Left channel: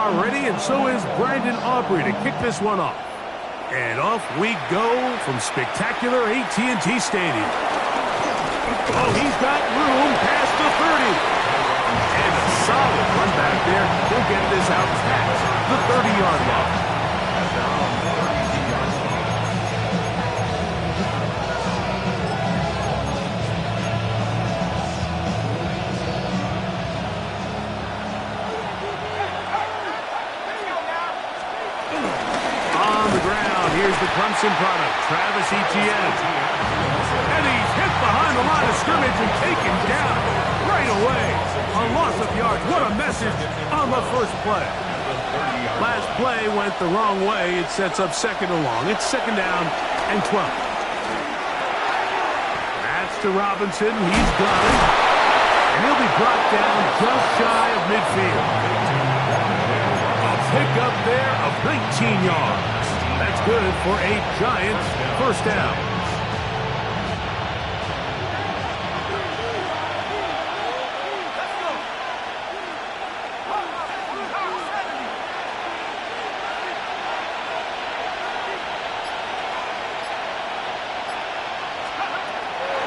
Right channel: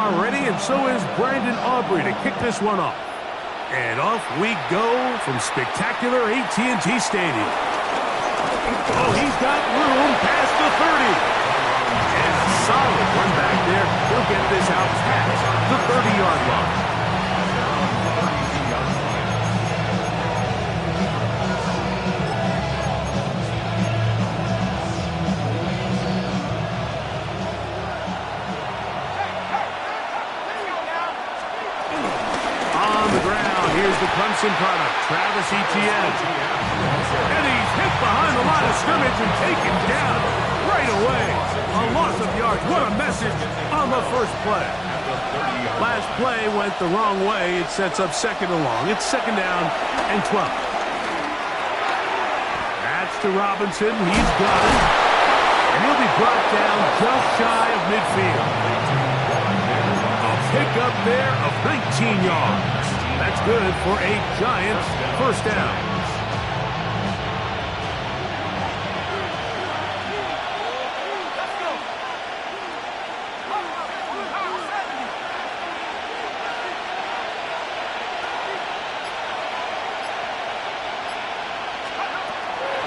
are ready, and so is Brandon Aubrey to kick this one off. And off we go from spectacular AT&T Stadium. Oh, he's got room past the 30. And a solid run back there. He'll get this out past the 30-yard line. At their own 30-yard line. On the ground, here's the Clemson product, Travis Etienne. And he's hit behind the line of scrimmage and taken down right away. A loss of yards. What a message on the first play. Last play went the wrong way. It sets up second and long. It's second down and 12. That's to Robinson. He's got it. And he'll be brought down just shy of midfield. A pickup there of 19 yards. That's good for a Giants first down.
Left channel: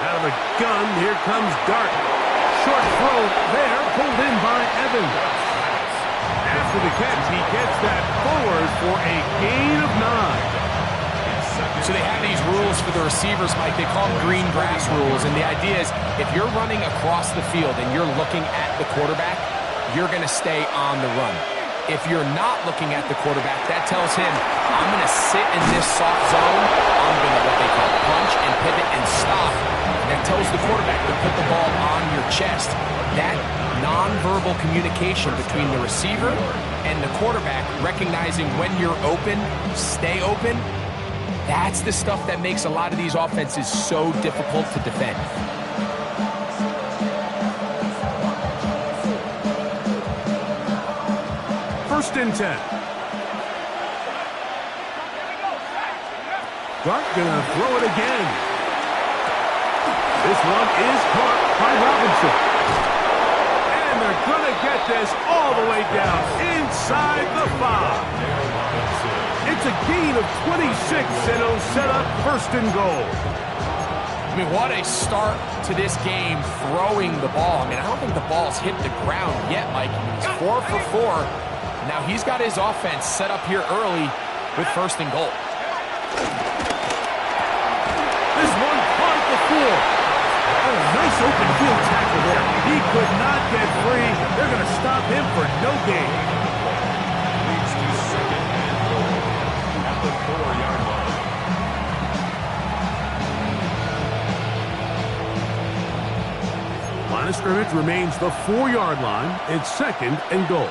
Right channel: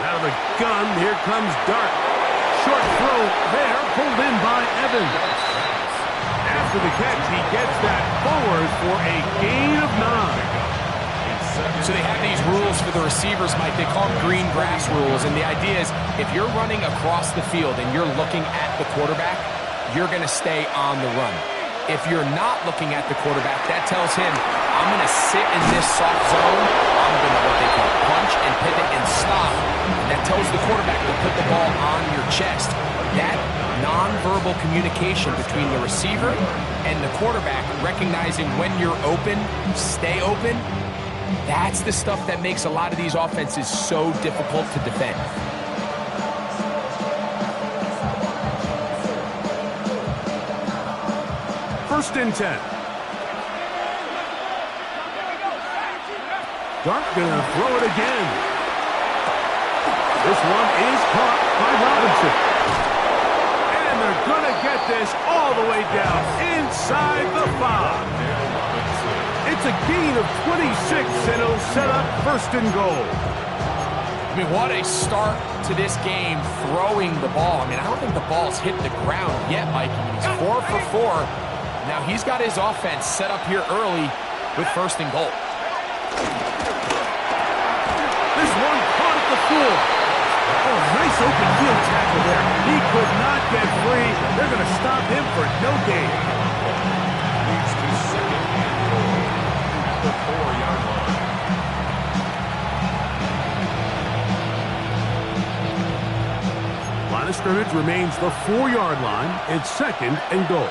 Out of the gun, here comes Dart. Short throw there, pulled in by Evans. After the catch, he gets that forward for a gain of 9. So they have these rules for the receivers, Mike. They call them green grass rules. And the idea is if you're running across the field and you're looking at the quarterback, you're going to stay on the run. If you're not looking at the quarterback, that tells him, I'm going to sit in this soft zone. I'm going to what they call punch and pivot and stop. And that tells the quarterback to put the ball on your chest. That nonverbal communication between the receiver and the quarterback, recognizing when you're open, stay open, that's the stuff that makes a lot of these offenses so difficult to defend. First and 10. Dart gonna throw it again. This one is caught by Robinson. And they're gonna get this all the way down inside the 5. It's a gain of 26, and it'll set up first and goal. I mean, what a start to this game throwing the ball. I mean, I don't think the ball's hit the ground yet, Mike. I mean, he's 4 for 4. Now he's got his offense set up here early with first and goal. This one caught at the 4. Oh, nice open field tackle there. He could not get free. They're going to stop him for no gain. Leads to second and goal at the 4-yard line. Line of scrimmage remains the 4-yard line. It's second and goal.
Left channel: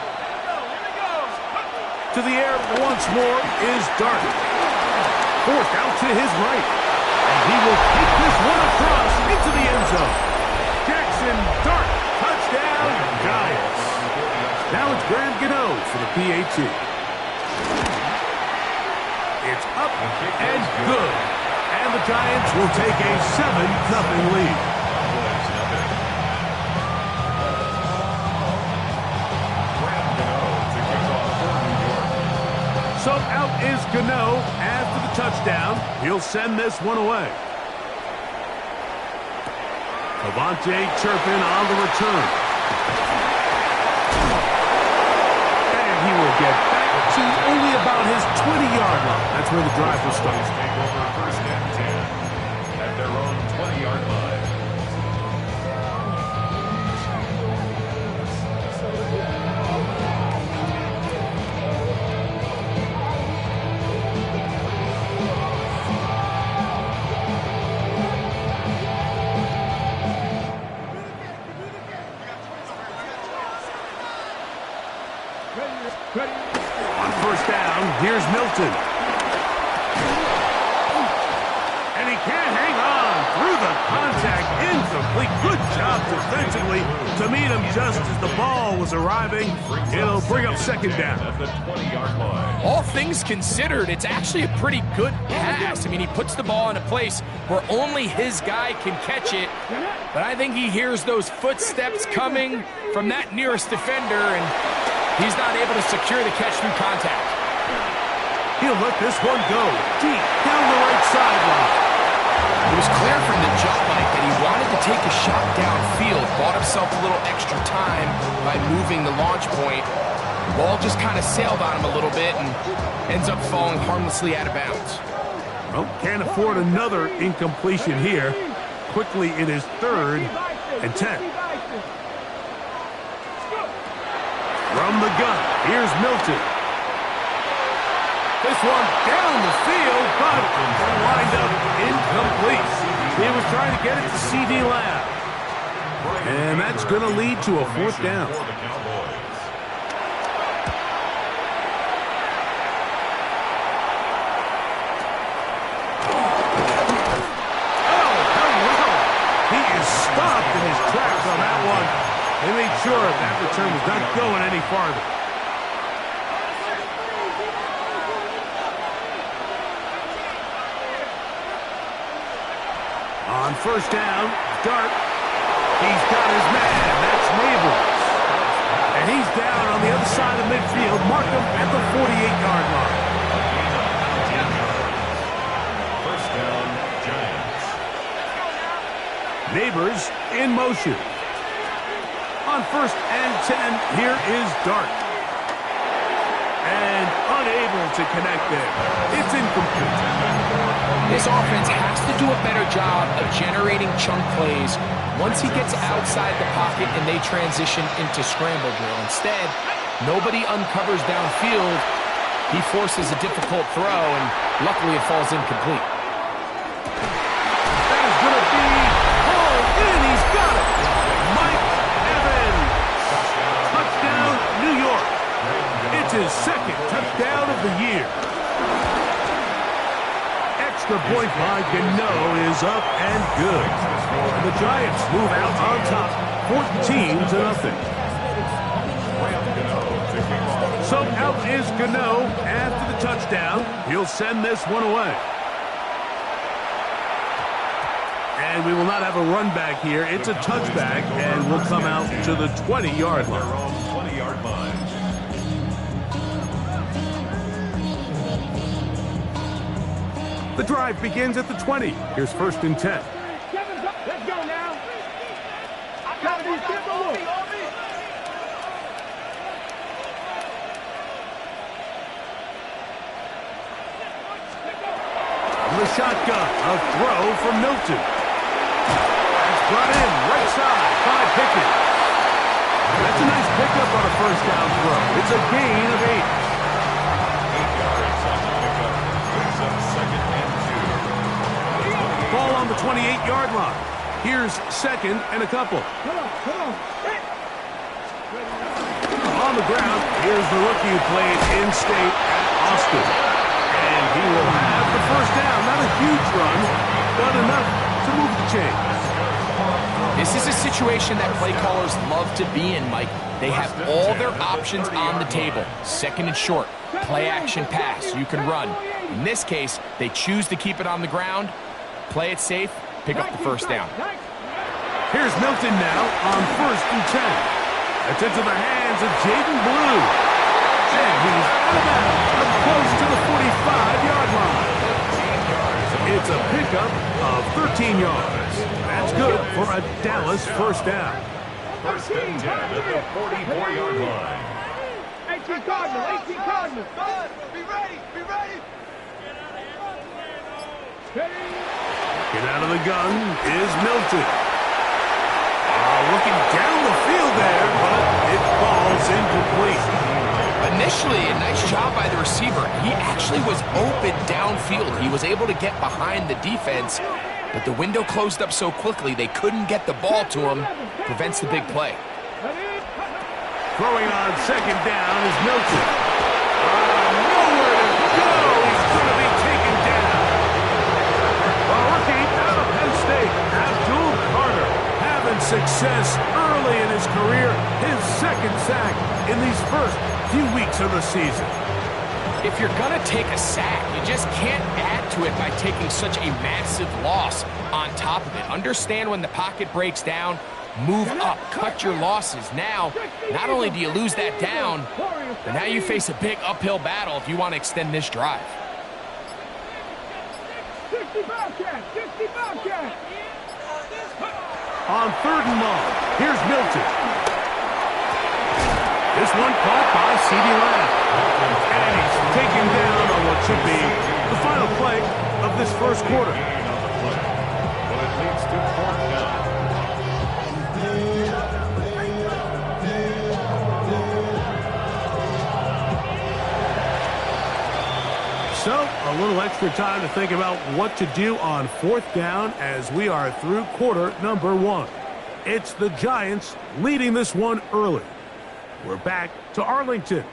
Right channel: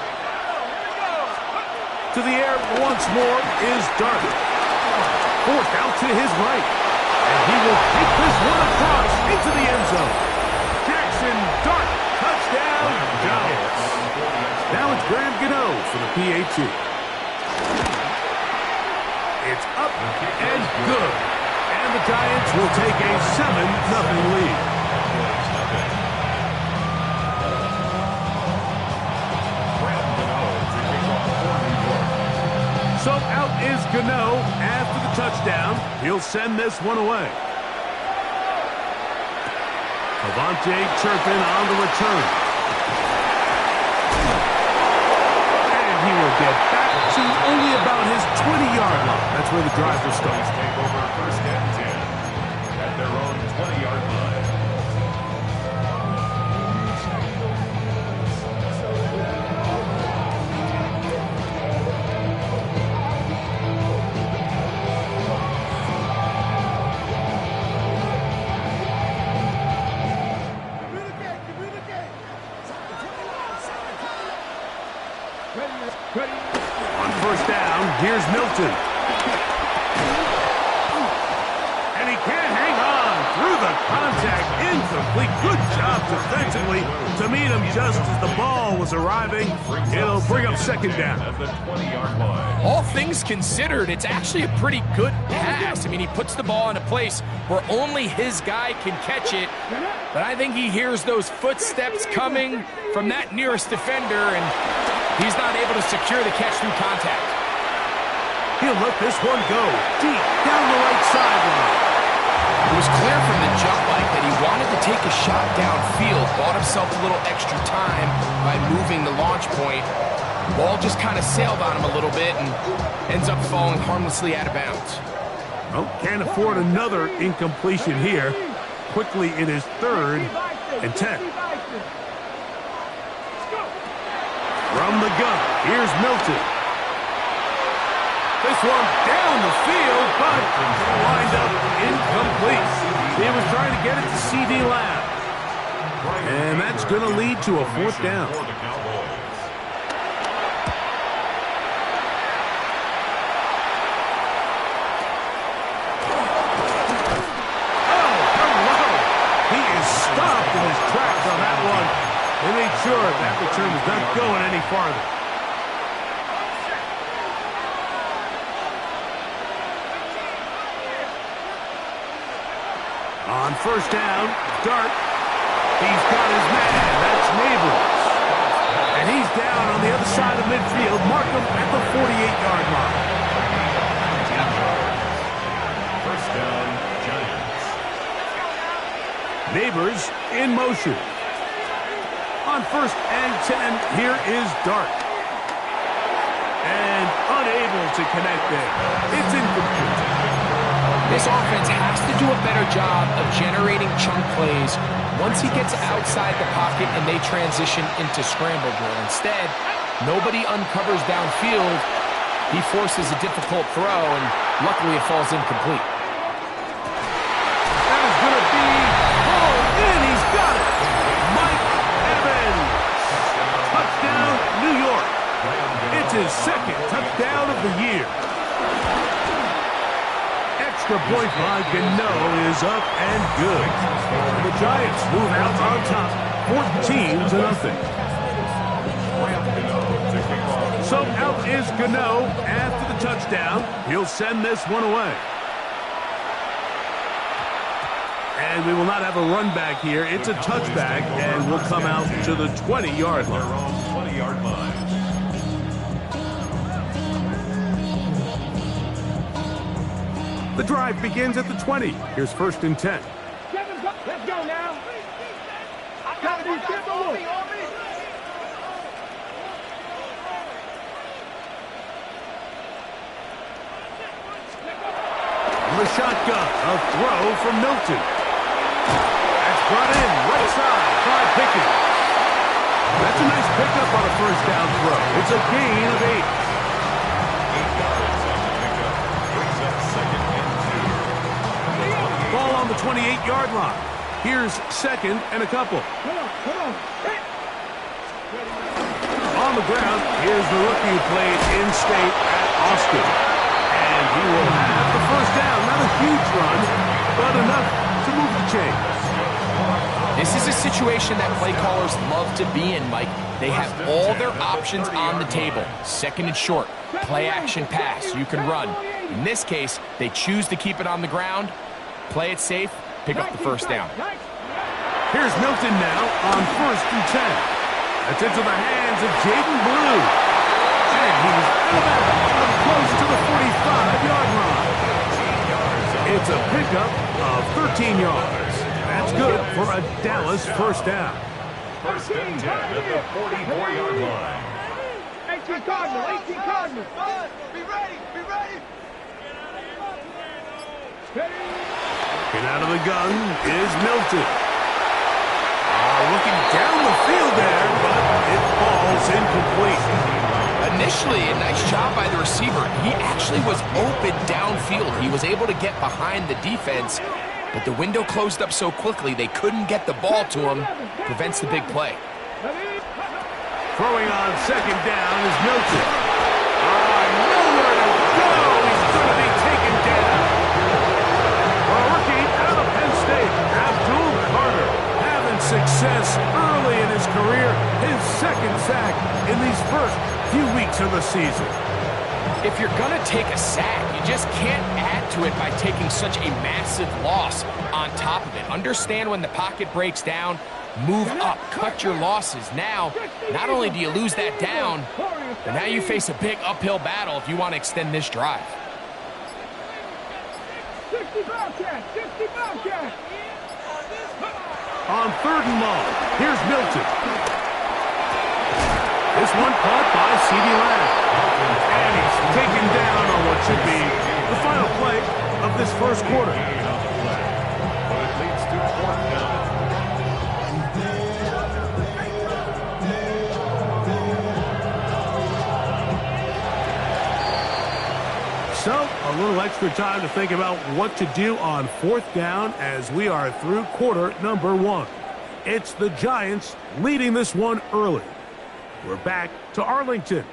To the air once more is Dart. Forced out to his right. And he will take this one across into the end zone. Jackson Dart, touchdown, Giants. Now it's Graham Gano for the PAT. It's up and good. And the Giants will take a 7-0 lead. Cowboys nothing. Graham Gano to kick off for New York. So out is Gano after the touchdown. He'll send this one away. Avante Turpin on the return. And he will get back to only about his 20-yard line. That's where the drive will start. Take over first and 10 at their own 20-yard line. On first down, here's Milton. And he can't hang on through the contact. Incomplete. Good job defensively to meet him just as the ball was arriving. It'll bring up second down. At the 20-yard line. All things considered, it's actually a pretty good pass. I mean, he puts the ball in a place where only his guy can catch it. But I think he hears those footsteps coming from that nearest defender, and He's not able to secure the catch through contact. He'll let this one go deep down the right sideline. It was clear from the jump, Mike, that he wanted to take a shot downfield, bought himself a little extra time by moving the launch point. Ball just kind of sailed on him a little bit and ends up falling harmlessly out of bounds. Well, can't afford another incompletion here. Quickly, it is 3rd and 10. From the gun, here's Milton. This one down the field, but lined up incomplete. He was trying to get it to C.D. Lamb. And that's going to lead to a 4th down. For the Cowboys. Oh, hello. He is stopped in his tracks on that one. They made sure that return was not going any farther. On 1st down, Dart. He's got his man. That's Neighbors. And he's down on the other side of midfield. Mark him at the 48-yard line. A gain of 19 yards. 1st down, Giants. Neighbors in motion. On 1st and 10, here is Dart. And unable to connect there. It's incomplete. This offense has to do a better job of generating chunk plays once he gets outside the pocket and they transition into scramble drill. Instead, nobody uncovers downfield. He forces a difficult throw, and luckily it falls incomplete. That is going to be pulled in. He's got it. Mike Evans. Touchdown, New York. It's his 2nd touchdown of the year. Extra point by Gano is up and good. And the Giants move out on top, 14-0. So out is Gano after the touchdown. He'll send this one away. And we will not have a run back here. It's a touchback, and we'll come out to the 20-yard line. Their own 20-yard line. The drive begins at the 20. Here's 1st and 10. Let's go now. Gotta be simple. From the shotgun, a throw from Milton. That's brought in right side by Pickens. That's a nice pickup on a 1st down throw. It's a gain of 8. 8 yards on the pickup. Brings up 2nd and 2. Ball on the 28-yard line. Here's 2nd and a couple. Come on. On the ground, here's the rookie who played in-state at Austin. And he will have the 1st down. Not a huge run, but enough to move the chains. This is a situation that play callers love to be in, Mike. They have all their options on the table. 2nd and short, play action pass, you can run. In this case, they choose to keep it on the ground, play it safe, pick up the 1st down. Here's Milton now on 1st and 10. That's into the hands of Jaden Blue. And he's out of bounds, up close to the 45-yard line. It's a pickup of 13 yards. That's good for a Dallas 1st down. 1st and 10 at the 44-yard line. 18 Cardinals. Be ready. Get out of the gun is Milton. Looking down the field there, but it falls incomplete. Initially, a nice job by the receiver. He actually was open downfield. He was able to get behind the defense, but the window closed up so quickly they couldn't get the ball to him. Prevents the big play. Throwing on 2nd down is Milton. Nowhere to go. He's going to be taken down. A rookie out of Penn State, Abdul Carter, having success early in his career. His 2nd sack in these first few weeks of the season. If you're going to take a sack, you just can't add to it by taking such a massive loss on top of it. Understand when the pocket breaks down, Move up, cut your losses. Now, not only do you lose that down, but now you face a big uphill battle if you want to extend this drive. 60 Bobcat, 60 Bobcat. On 3rd and long, here's Milton. This one caught by CeeDee Lamb. And he's taken down on what should be the final play of this first quarter. Gain on the play, but it leads to 4th down. So, a little extra time to think about what to do on 4th down as we are through quarter number 1. It's the Giants leading this one early. We're back to Arlington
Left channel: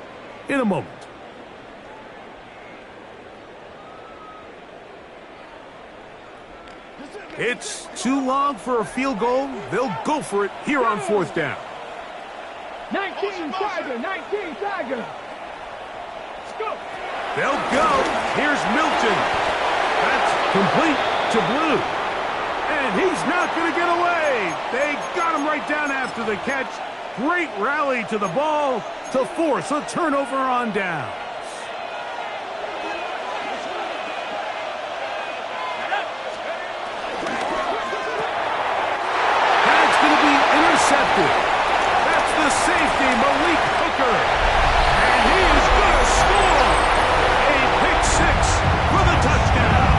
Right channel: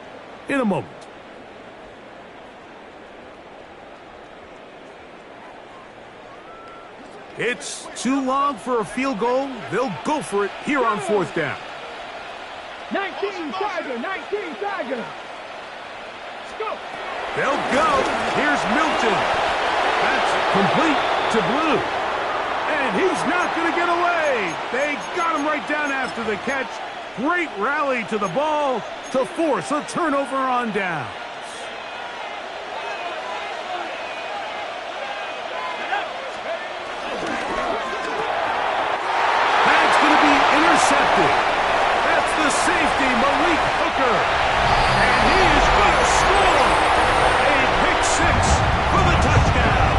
in a moment. It's too long for a field goal. They'll go for it here on 4th down. 19 Tiger, 19 Tiger. Let's go. They'll go. Here's Milton. That's complete to Blue. And he's not going to get away. They got him right down after the catch. Great rally to the ball to force a turnover on downs. That's going to be intercepted. That's the safety, Malik Hooker. And he is going to score. A pick 6 for the touchdown.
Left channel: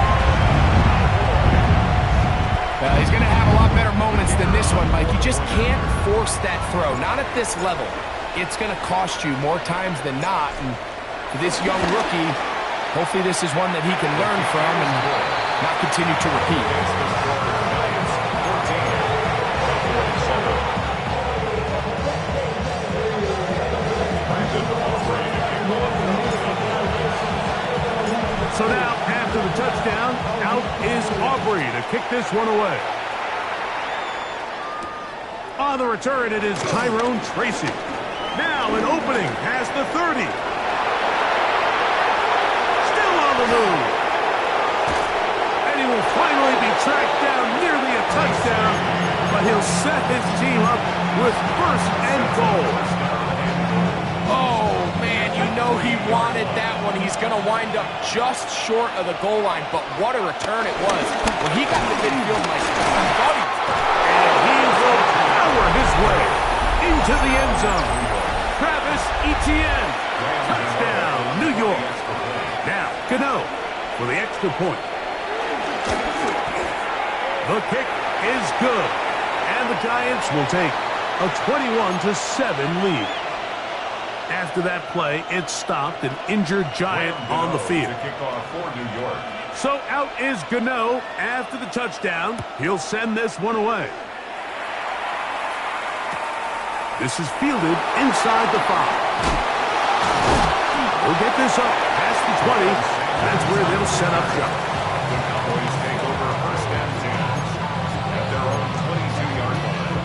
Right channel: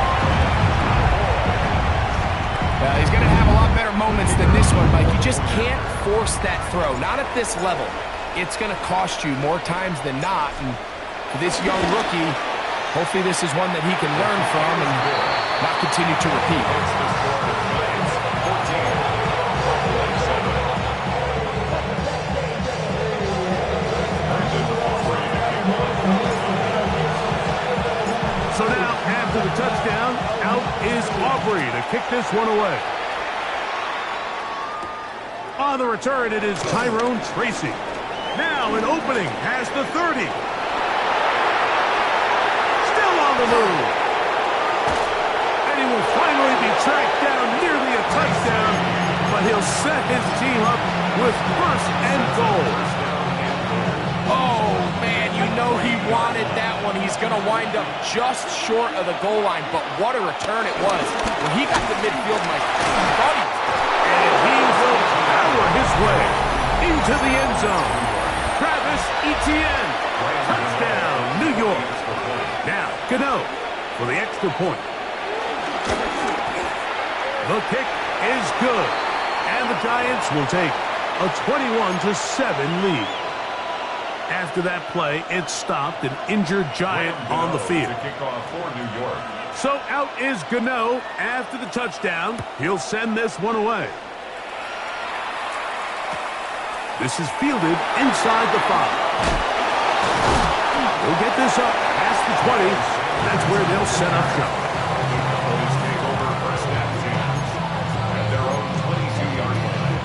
Well, he's going to have a lot better moments than this one, Mike. You just can't force that throw. Not at this level. It's going to cost you more times than not. And for this young rookie, hopefully this is one that he can learn from and not continue to repeat. Makes the score Giants 14, Cowboys 7. So now, after the touchdown, out is Aubrey to kick this one away. On the return, it is Tyrone Tracy. Now an opening past the 30. Still on the move. And he will finally be tracked down, nearly a touchdown, but he'll set his team up with 1st and goal. Oh, man, you know he wanted that one. He's going to wind up just short of the goal line, but what a return it was. When he got to midfield, Mike, I thought he was... And he will power his way into the end zone. Travis Etienne, touchdown, New York. Now, Gano for the extra point. The kick is good, and the Giants will take a 21-7 lead. After that play, it stopped an injured Giant on the field. To kick off for New York. So out is Gano after the touchdown. He'll send this one away. This is fielded inside the 5. He'll get this up past the 20. That's where they'll set up shop. The Cowboys take over 1st and 10 at their own 22-yard line.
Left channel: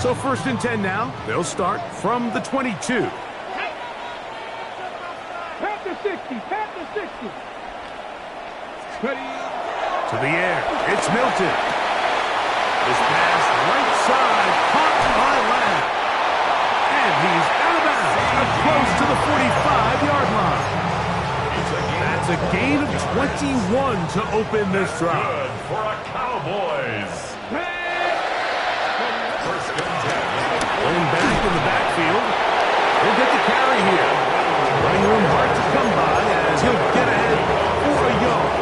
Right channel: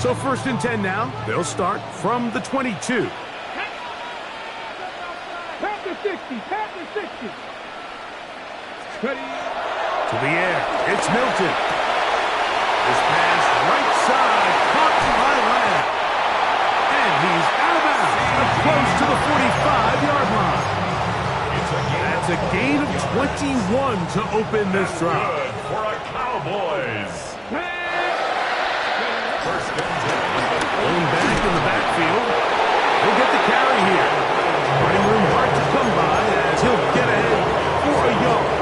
So 1st and 10 now. They'll start from the 22. Pat the 60, pat the 60. Ready. To the air. It's Milton. This pass right side caught by Lamb. And he's out of bounds up close to the 45-yard line. That's a gain of 21 to open this drive. Good for a Cowboys. 1st and 10. Pulling back in the backfield. He'll get the carry here. Running room hard to come by as he'll get ahead for a yard.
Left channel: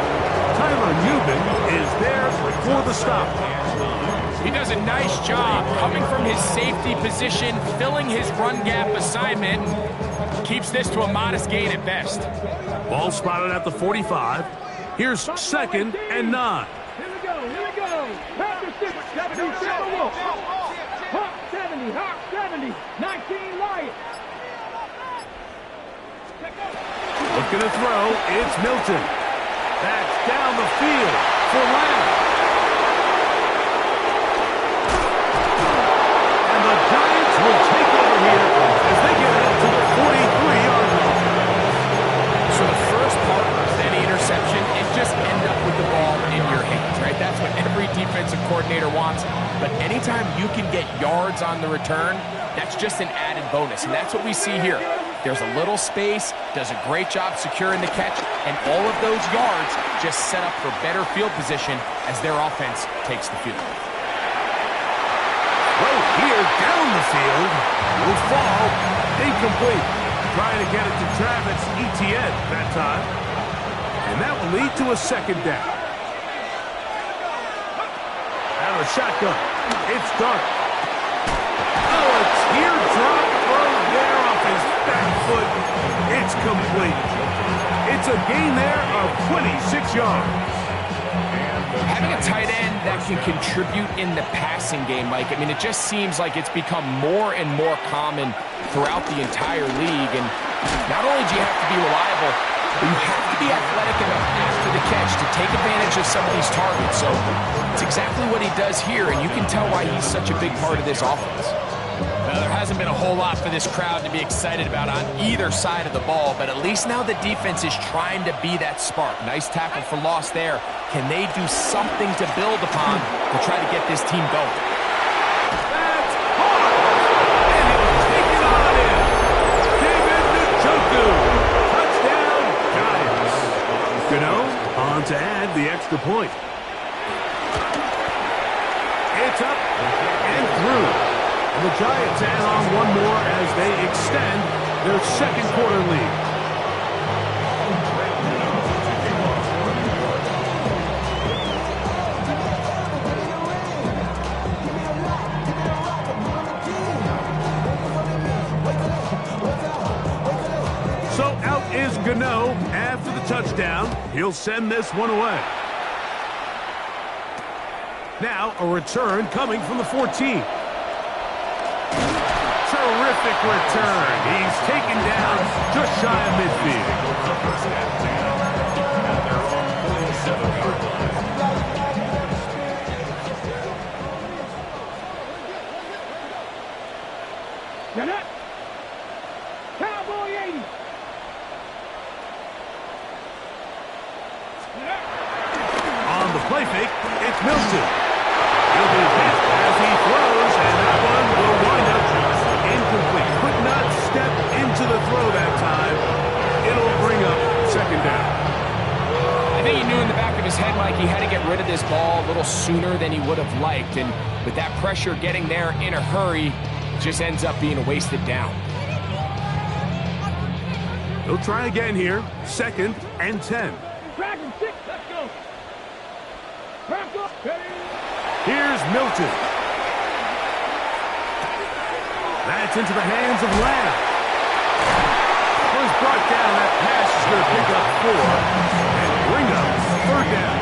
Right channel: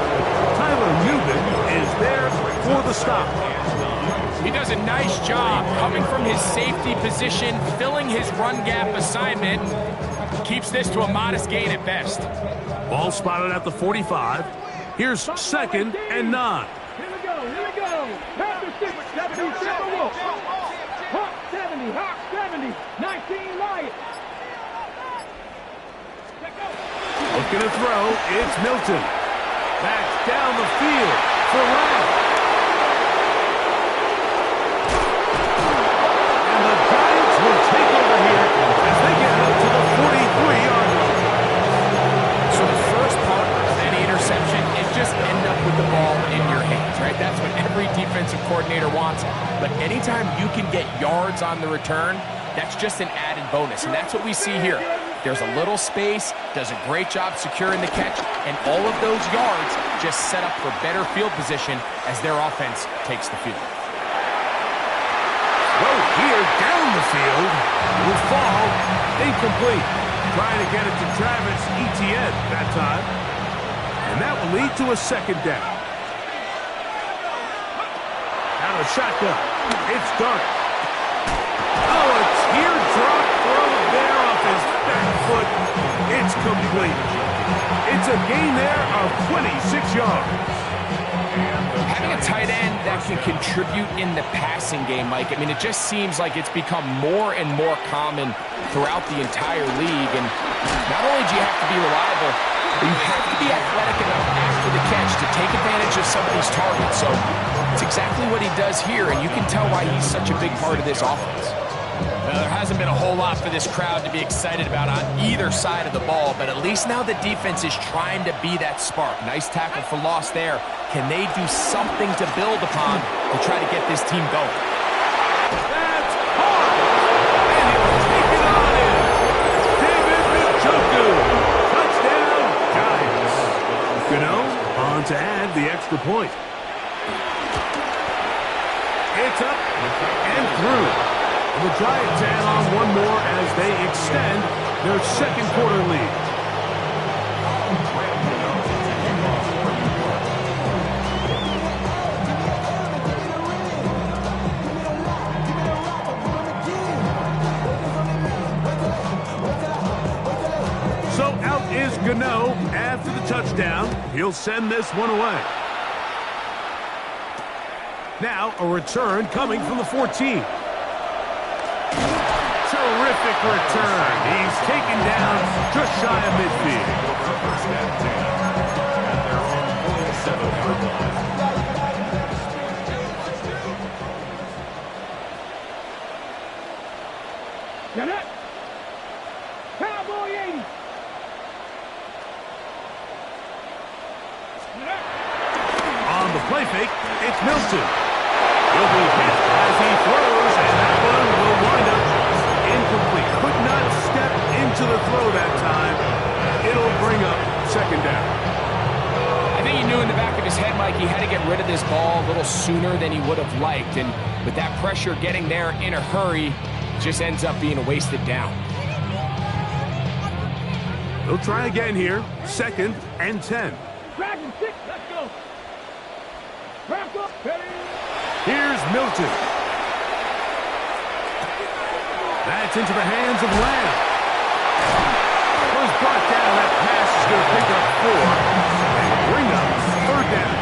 Tyler Newman is there for the stop. He does a nice job coming from his safety position, filling his run gap assignment, and keeps this to a modest gain at best. Ball spotted at the 45. Here's 2nd and 9. Here we go, here we go. Pat the 60, 70, Wolf. Hawk 70, Hawk 70, 19 Lion. Looking to throw, it's Milton. That's down the field for Lamb. And the Giants will take over here as they get up to the 43-yard line. So the first part of any interception is just end up with the ball in your hands, right? That's what every defense offensive coordinator wants. But anytime you can get yards on the return, that's just an added bonus, and that's what we see here. There's a little space, does a great job securing the catch, and all of those yards just set up for better field position as their offense takes the field. Throw here down the field. Will fall. Incomplete. Trying to get it to Travis Etienne that time. And that will lead to a second down. Out of the shotgun. It's Dark. Oh, a teardrop throw there off his back foot. It's complete. It's a gain there of 26 yards. Having a tight end that can contribute in the passing game, Mike, I mean, it just seems like it's become more and more common throughout the entire league. And not only do you have to be reliable, but you have to be athletic enough after the catch to take advantage of some of these targets. So it's exactly what he does here, and you can tell why he's such a big part of this offense. Well, there hasn't been a whole lot for this crowd to be excited about on either side of the ball, but at least now the defense is trying to be that spark. Nice tackle for loss there. Can they do something to build upon to try to get this team going? That's hard. And he'll take it on in. David Njoku. Touchdown, Giants. Gano on to add the extra point. It's up and through. And the Giants add on one more as they extend their second quarter lead. So out is Gano after the touchdown. He'll send this one away. Now a return coming from the 14. Terrific return. He's taken down just shy of midfield. Over a first and 10 at their own 47-yard line. Now that Cowboy 80. On the play fake, it's Milton. He'll be hit as he throws, and that one will wind up incomplete. Could not step into the throw that time. It'll bring up second down. I think he knew in the back of his head, Mike, he had to get rid of this ball a little sooner than he would have liked. And with that pressure getting there in a hurry, it just ends up being a wasted down. They'll try again here. Second and 10. Dragon 6, let's go. Crack up, Here's Milton. That's into the hands of Lamb. Was brought down. That pass is going to pick up 4 and bring up third down.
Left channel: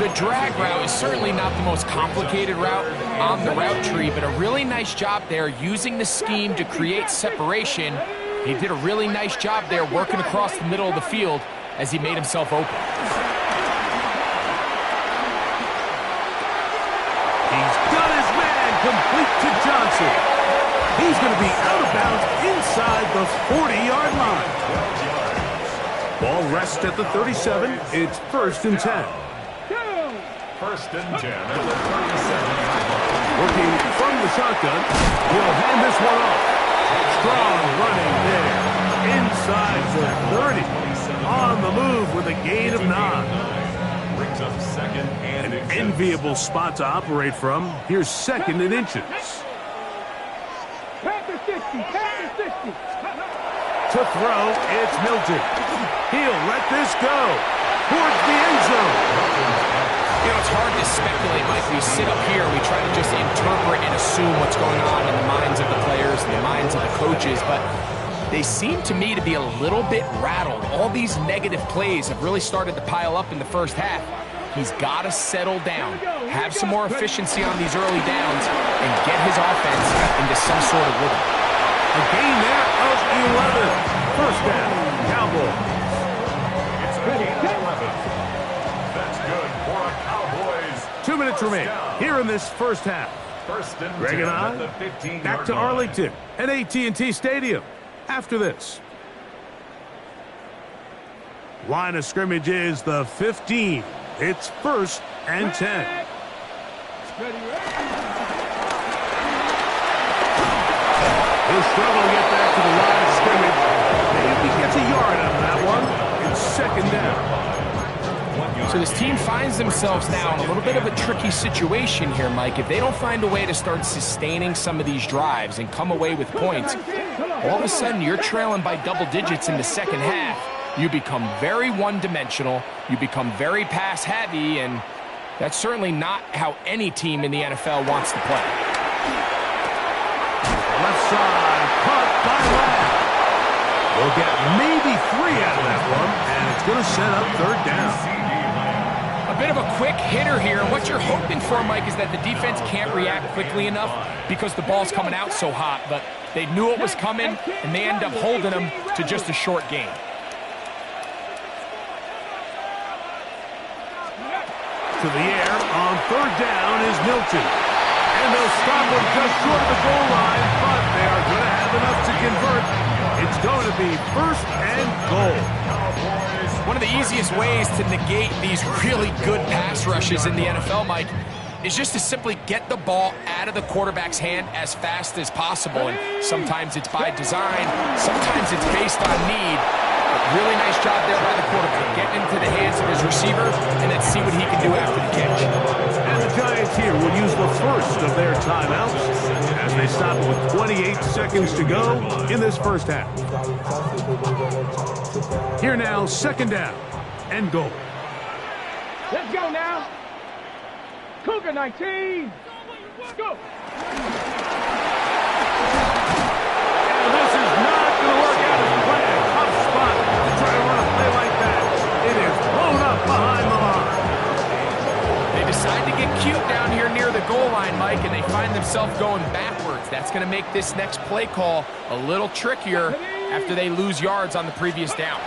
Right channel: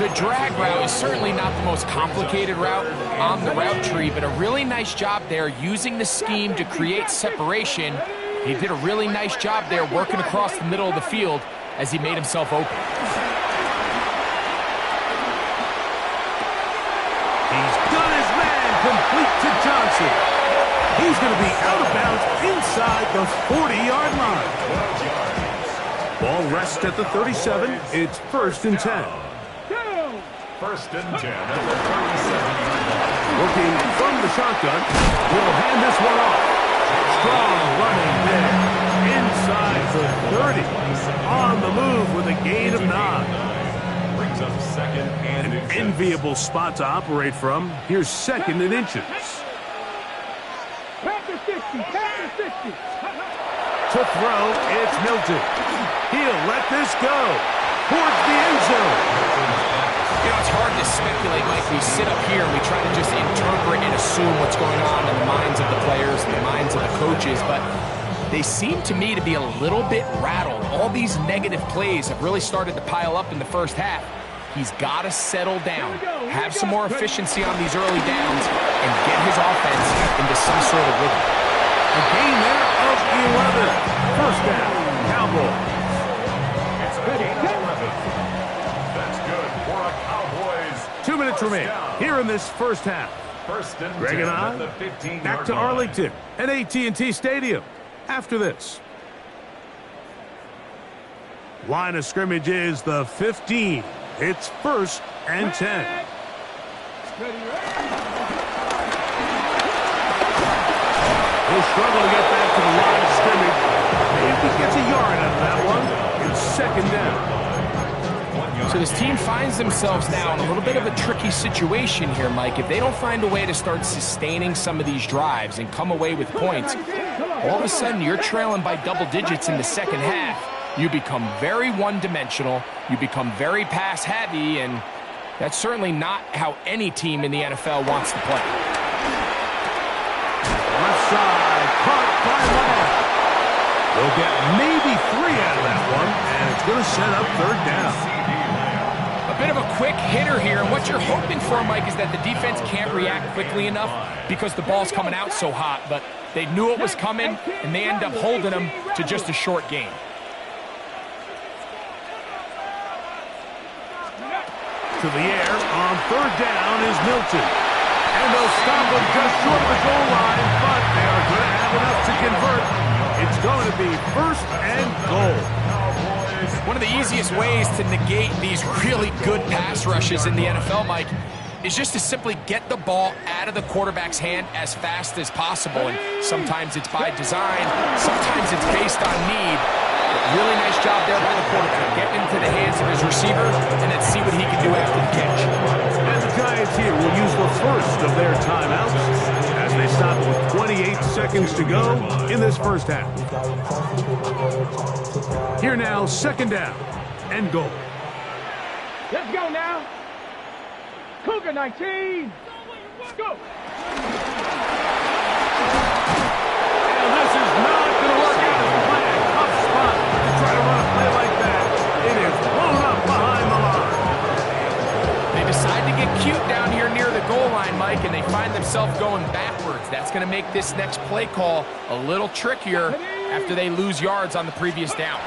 The drag route is certainly not the most complicated route on the route tree, but a really nice job there using the scheme to create separation. He did a really nice job there working across the middle of the field as he made himself open. He's got his man complete to Johnson. He's going to be out of bounds inside the 40-yard line. 12 yards. Ball rests at the 37. It's first and 10. First and 10 at the 37-yard line. Working from the shotgun, he'll hand this one off. Strong running there. Inside the 30. On the move with a gain of 9. Brings up second and An enviable spot to operate from. Here's second and inches. Panther 60, Panther 60. To throw, it's Milton. He'll let this go towards the end zone. You know, it's hard to speculate, Mike. We sit up here and we try to just interpret and assume what's going on in the minds of the players and the minds of the coaches, but they seem to me to be a little bit rattled. All these negative plays have really started to pile up in the first half. He's got to settle down, have some more efficiency on these early downs, and get his offense into some sort of rhythm. A gain there of 11. First down, Cowboys. It's a gain of 11. That's good for a Cowboys. 2 minutes First remain down. here in this first half. First and Greg 10 and at the I 15-yard back to line. Arlington at AT&T Stadium after this. Line of scrimmage is the 15. It's first and 10. Ready, ready. He'll struggle to get back to the line of scrimmage. Maybe he gets a yard out of that one. It's second down. So this team finds themselves now in a little bit of a tricky situation here, Mike. If they don't find a way to start sustaining some of these drives and come away with points, all of a sudden you're trailing by double digits in the second half. You become very one-dimensional, you become very pass-heavy, and that's certainly not how any team in the NFL wants to play. Left side, caught by Lamb. They'll get maybe 3 out of that one, and it's going to set up third down. A bit of a quick hitter here, and what you're hoping for, Mike, is that the defense can't react quickly enough because the ball's coming out so hot, but they knew it was coming, and they end up holding them to just a short gain. To the air on third down is Milton. And they'll stop him just short of the goal line, but they are going to have enough to convert. It's going to be first and goal. One of the easiest ways to negate these really good pass rushes in the NFL, Mike, is just to simply get the ball out of the quarterback's hand as fast as possible. And sometimes it's by design, sometimes it's based on need. But really nice job there by the quarterback, getting into the hands of his receiver, and then see what he can do after the catch. And the Giants here will use the first of their timeouts as they stop it with 28 seconds to go in this first half. Here now, second down and goal. Let's go now. Cougar 19. Go. And this is not going to work out as planned. Tough spot to try to run a play like that. It is blown up behind the line. They decide to get cute down here near the goal line, Mike, and they find themselves going backwards. That's going to make this next play call a little trickier after they lose yards on the previous down.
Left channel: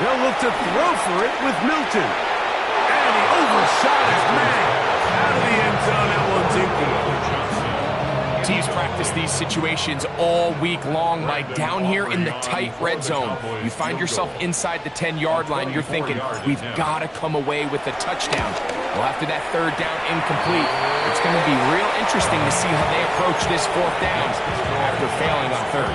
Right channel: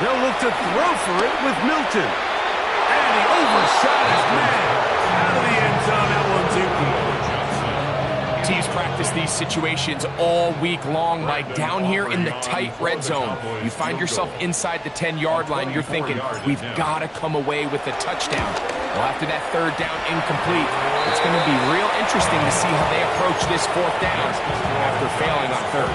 They'll look to throw for it with Milton. And he overshot his man. Out of the end zone, that one's incomplete. Teams practice these situations all week long, Mike. Down here in the tight red zone, you find yourself inside the 10-yard line. You're thinking, we've got to come away with a touchdown. Well, after that third down incomplete, it's going to be real interesting to see how they approach this fourth down after failing on third.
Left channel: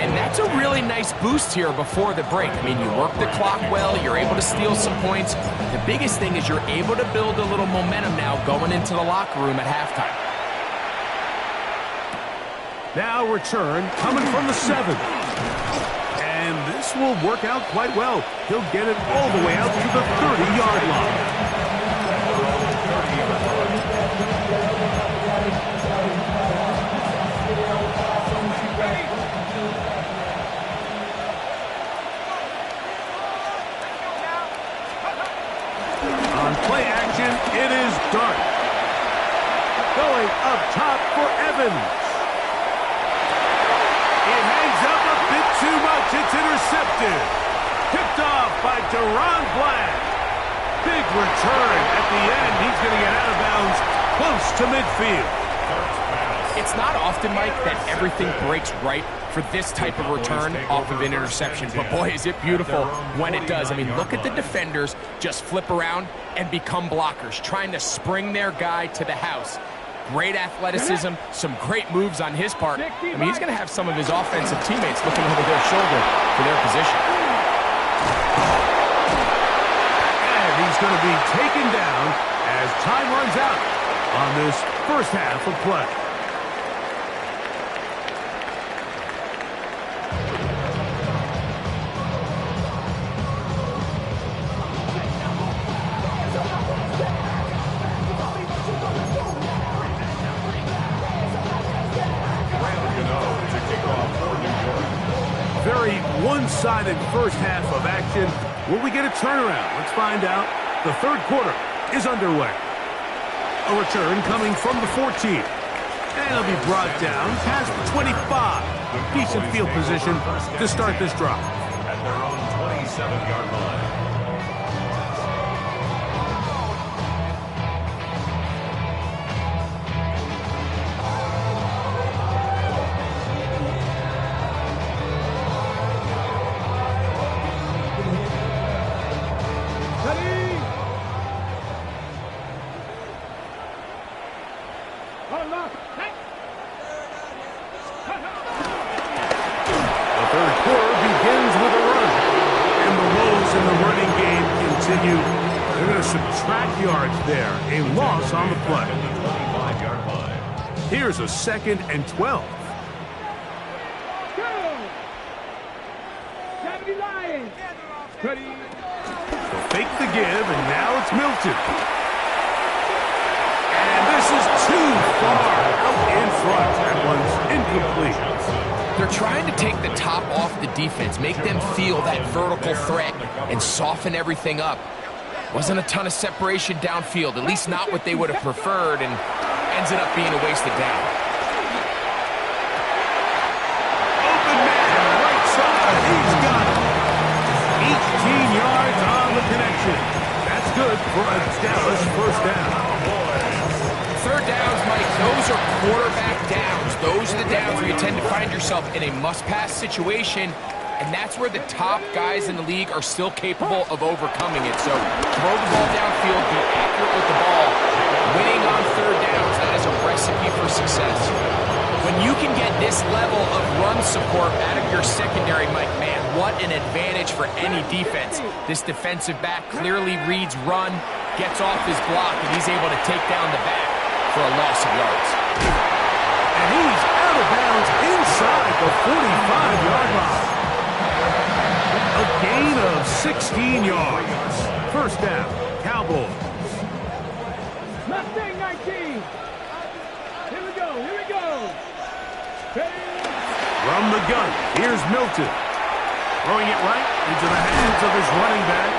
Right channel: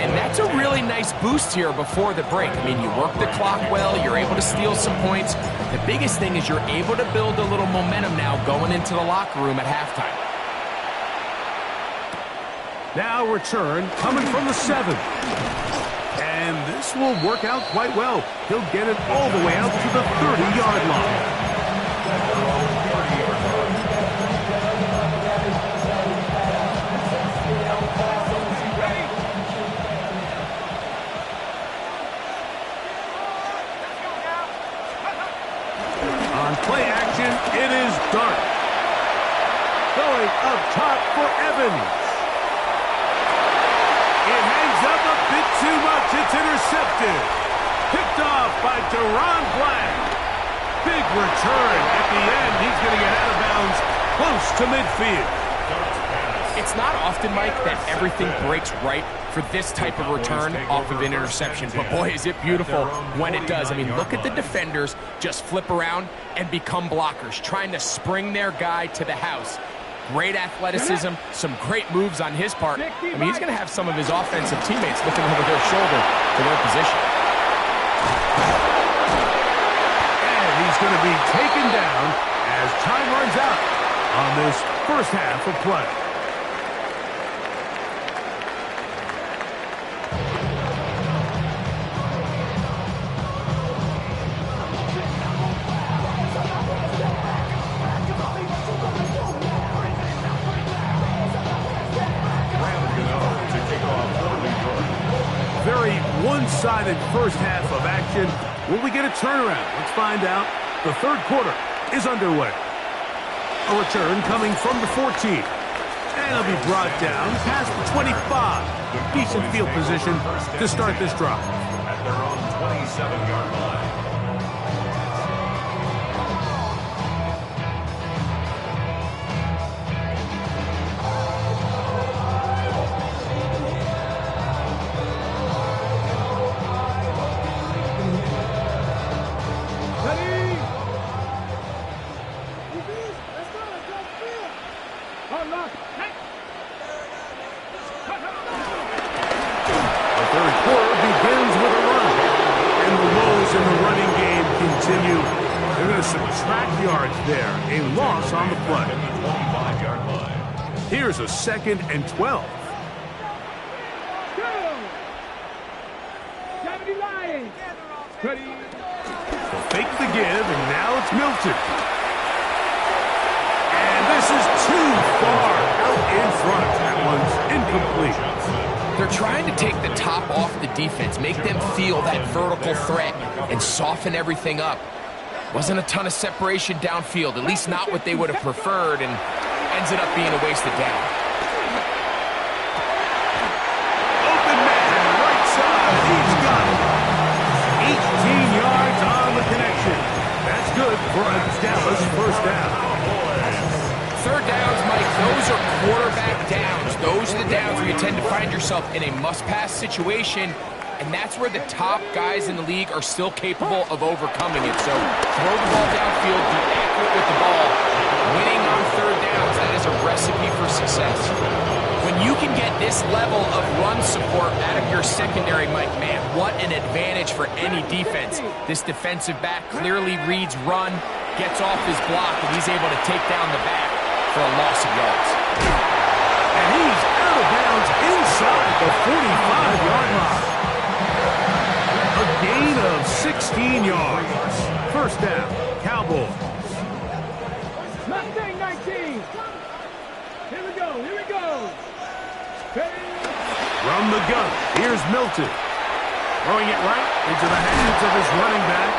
And that's a really nice boost here before the break. I mean, you work the clock well, you're able to steal some points. The biggest thing is you're able to build a little momentum now going into the locker room at halftime. Now return coming from the 7. And this will work out quite well. He'll get it all the way out to the 30-yard line. On play action, it is Dart. Going up top for Evans. It hangs up a bit too much. It's intercepted. Picked off by Deron Black. Big return at the end. He's going to get out of bounds close to midfield. It's not often, Mike, that everything breaks right for this type of return off of an interception. But boy, is it beautiful when it does. I mean, look at the defenders just flip around and become blockers, trying to spring their guy to the house. Great athleticism, some great moves on his part. I mean, he's going to have some of his offensive teammates looking over their shoulder for their position. And he's going to be taken down as time runs out on this first half of play. Very one-sided first half of action. Will we get a turnaround? Let's find out. The third quarter is underway. A return coming from the 14. And it'll be brought down past the 25. Decent field position to start this drive. At their own 27-yard line. continue. They're going to subtract yards there. A loss on the play. 25-yard line. Here's a 2nd and 12. 70 Lions. Ready. They'll fake the give, and now it's Milton. And this is too far out in front. That one's incomplete. They're trying to take the top off the defense, make them feel that vertical threat, and soften everything up. Wasn't a ton of separation downfield, at least not what they would have preferred, and ends it up being a wasted down. Open man, right side. He's got it. 18 yards on the connection. That's good for a Dallas first down. Third downs, Mike, those are quarterback downs. Those are the downs where you tend to find yourself in a must-pass situation, and that's where the top guys in the league are still capable of overcoming it. So throw the ball downfield, be accurate with the ball. Winning on third downs, that is a recipe for success. When you can get this level of run support out of your secondary, Mike, man, what an advantage for any defense. This defensive back clearly reads run, gets off his block, and he's able to take down the back for a loss of yards. And he's out of bounds inside the 45-yard line. A gain of 16 yards. First down, Cowboys. Mustang 19. Here we go. Here we go. Ready. From the gun, here's Milton. Throwing it right into the hands of his running back.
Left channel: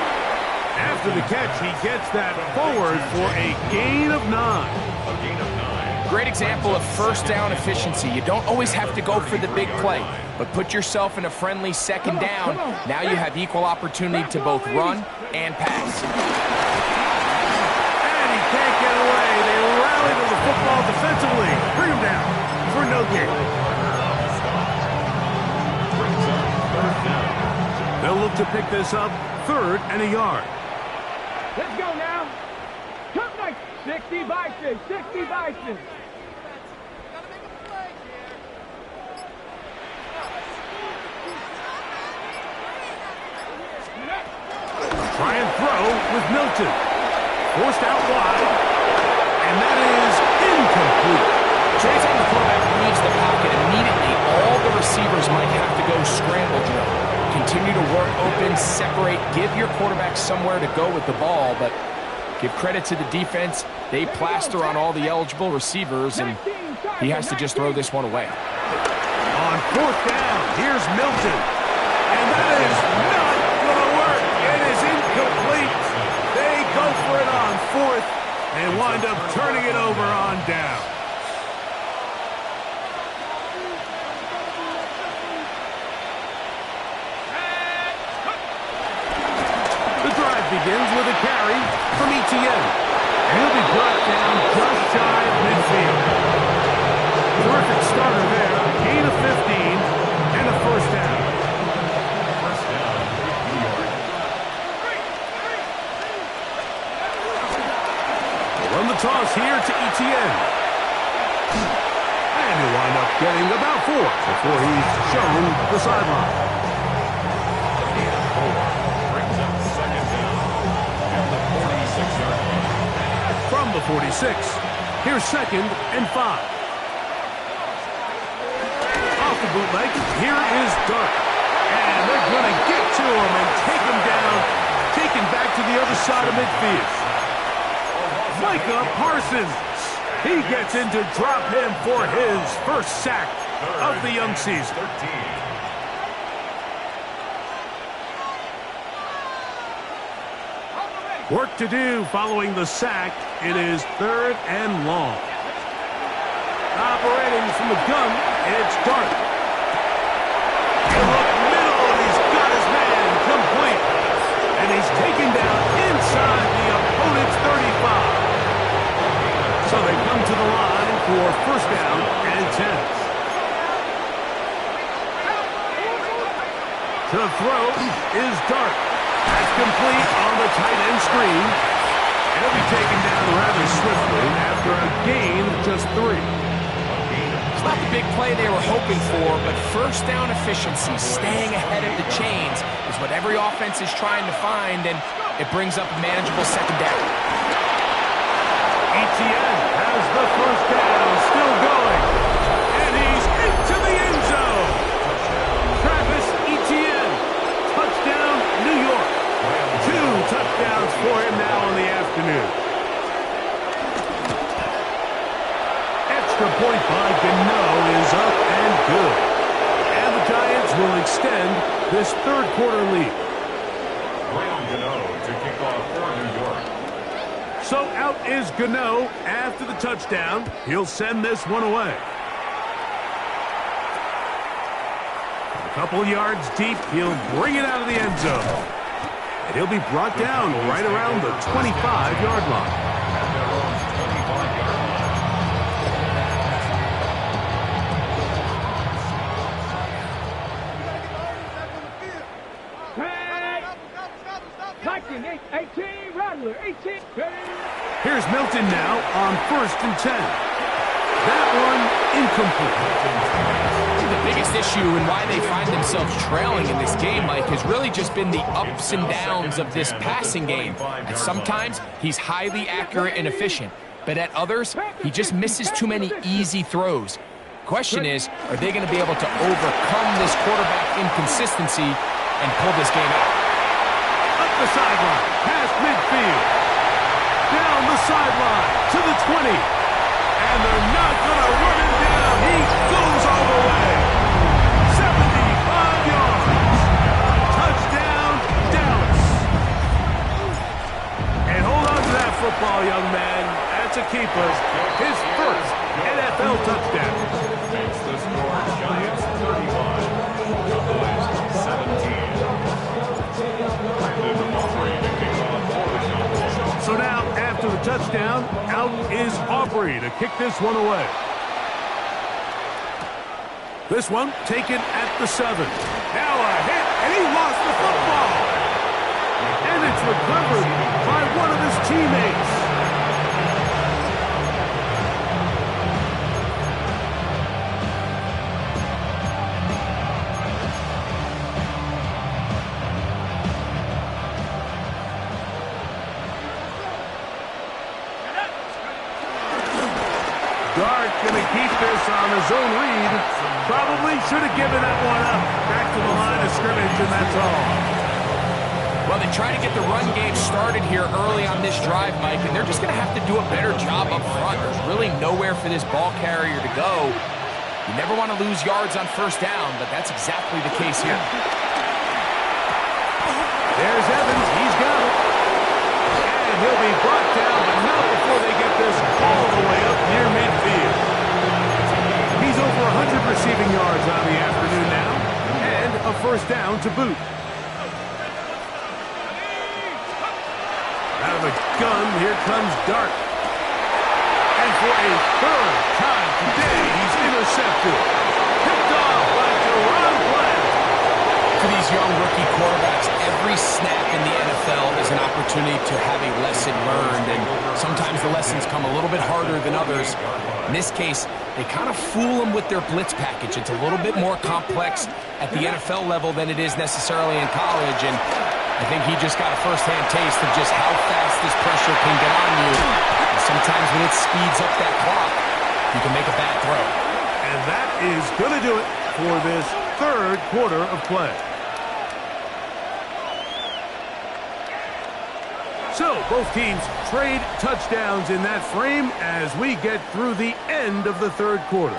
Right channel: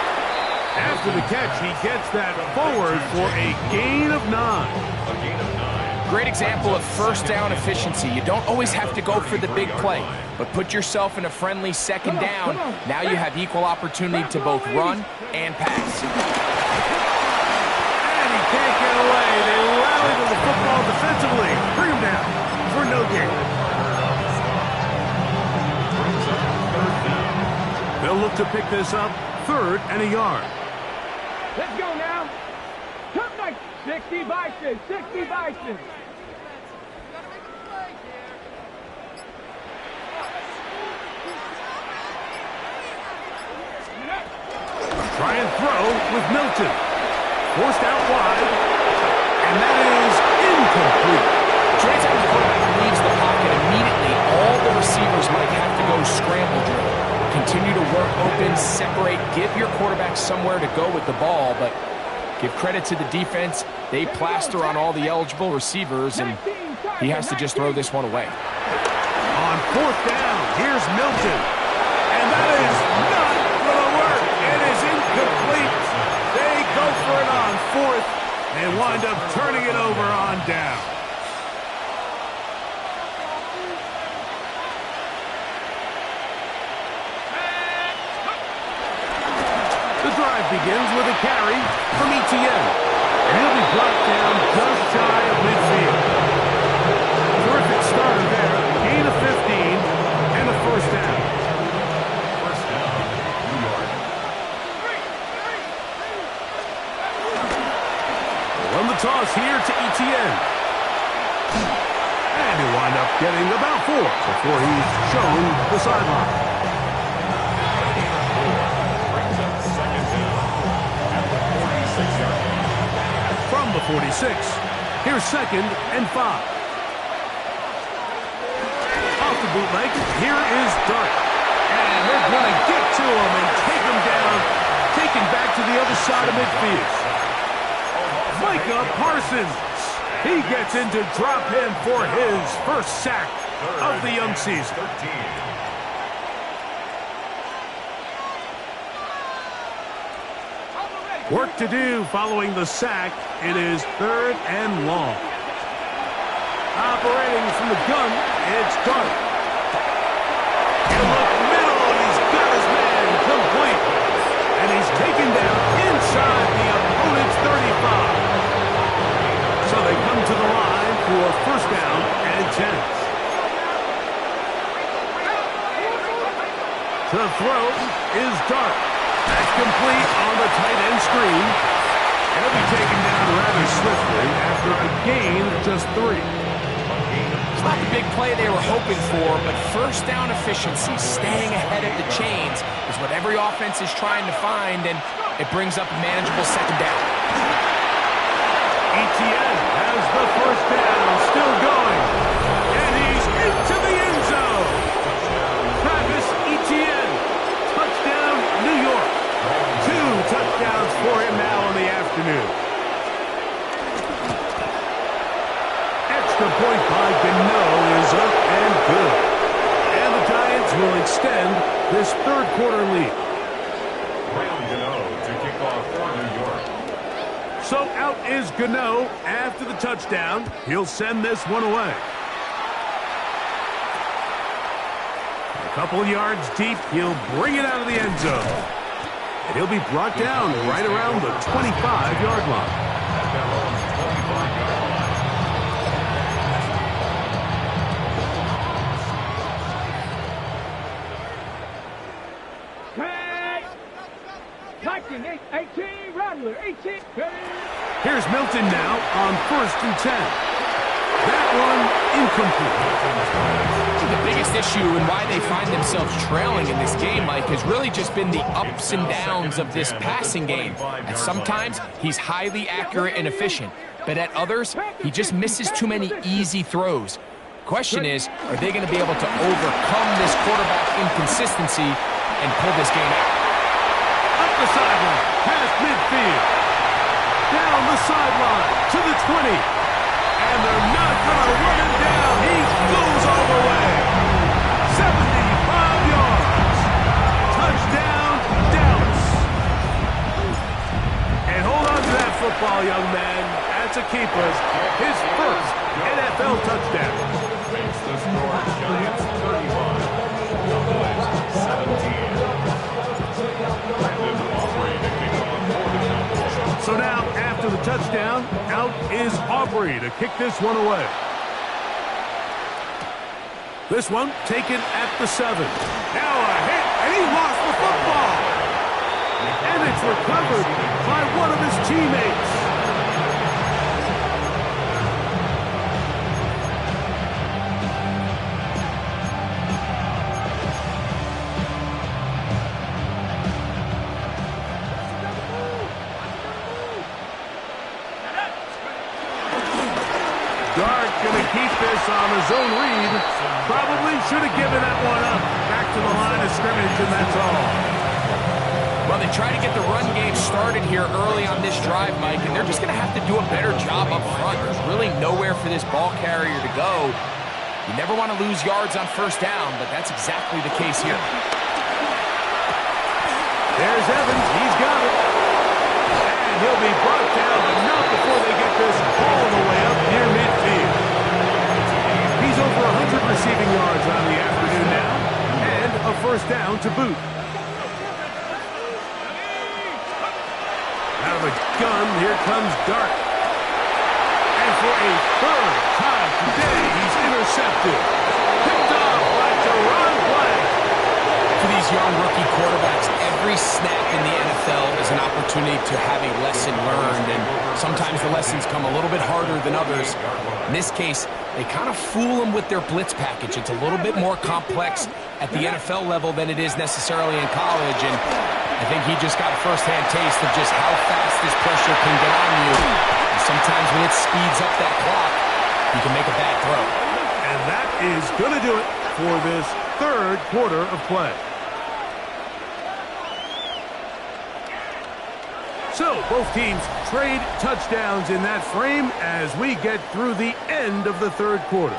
After the catch, he gets that forward for a gain of 9. A gain of 9. Great example of first down efficiency. You don't always have to go for the big play, but put yourself in a friendly second down. Now you have equal opportunity to both run and pass. And he can't get away. They rally to the football defensively. Bring him down for no gain. Brings up third down. They'll look to pick this up 3rd and a yard. Let's go now. Top night. 60 Bison. 60 Bison. Try and throw with Milton. Forced out wide. And that is incomplete. Anytime the quarterback leaves the pocket, immediately all the receivers might have to go scramble drill. Continue to work open, separate, give your quarterback somewhere to go with the ball, but give credit to the defense. They plaster on all the eligible receivers, and he has to just throw this one away. On 4th down, here's Milton. And that is not going to work. It is incomplete. They go for it on 4th and wind up turning it over on down. The drive begins with a carry from Etienne. And he'll be brought down just shy of midfield. Terrific starter there. Gain of 15 and a first down. First down, New York. They'll run the toss here to Etienne. And he'll wind up getting about 4 before he's shown the sideline. Brings up second down at the 46-yard line. From the 46, here's 2nd and 5. Off the bootleg, here is Dart. And they're going to get to him and take him down, taken back to the other side of midfield. Micah Parsons. He gets in to drop him for his first sack of the young season. 13. Work to do following the sack. It is 3rd and long. Operating from the gun, it's Dart. He'll look middle, and he's got his man complete. And he's taken down inside the opponent's 35. So they come to the line for first down and 10. To throw is Dart. That's complete on the tight end screen. And he'll be taken down rather swiftly after a gain of just 3. It's not the big play they were hoping for, but first down efficiency, staying ahead of the chains, is what every offense is trying to find, and It brings up a manageable second down. Etienne has the first down, still going. And he's into the end zone. Travis Etienne, touchdown, New York. 2 touchdowns for him now in the afternoon. Extra point by Gano is up and good. And the Giants will extend this third quarter lead. Graham Gano to kick off for New York. So out is Gano after the touchdown. He'll send this one away. A couple of yards deep, he'll bring it out of the end zone. And he'll be brought down right around the 25-yard line. At their own 25-yard line. Tag. 18, Rattler, 18. Here's Milton now on 1st and 10. That one incomplete. I think the biggest issue and why they find themselves trailing in this game, Mike, has really just been the ups and downs of this passing game. And sometimes he's highly accurate and efficient, but at others, he just misses too many easy throws. Question is, are they going to be able to overcome this quarterback inconsistency and pull this game out? Up the sideline, past midfield. Down the sideline to the 20. And they're not going to run him down. He goes all the way. 75 yards. Touchdown, Dallas. And hold on to that football, young man. That's a keeper. His first NFL touchdown. Makes the score Giants 31. Cowboys 17. Brandon Aubrey to kick off for the Cowboys. So now, after the touchdown, out is Aubrey to kick this one away. This one taken at the 7. Now a hit, and he lost the football. And it's recovered by one of his teammates. Dart going to keep this on a zone read. Probably should have given that one up. Back to the line of scrimmage, and that's all. Well, they try to get the run game started here early on this drive, Mike, and they're just going to have to do a better job up front. There's really nowhere for this ball carrier to go. You never want to lose yards on first down, but that's exactly the case here. There's Evans. He's got it. And he'll be brought down, but not before they get this all the way up near midfield. He's over 100 receiving yards on the afternoon now, and a first down to boot. Out of the gun, here comes Dart. And for a third time today, he's intercepted. Picked off by Deron Bland. For these young rookie quarterbacks, every snap in the NFL is an opportunity to have a lesson learned, and sometimes the lessons come a little bit harder than others. In this case, they kind of fool them with their blitz package. It's a little bit more complex at the NFL level than it is necessarily in college, and I think he just got a first-hand taste of just how fast this pressure can get on you. And sometimes when it speeds up that clock, you can make a bad throw. And that is going to do it for this third quarter of play. So, both teams trade touchdowns in that frame as we get through the end of the third quarter.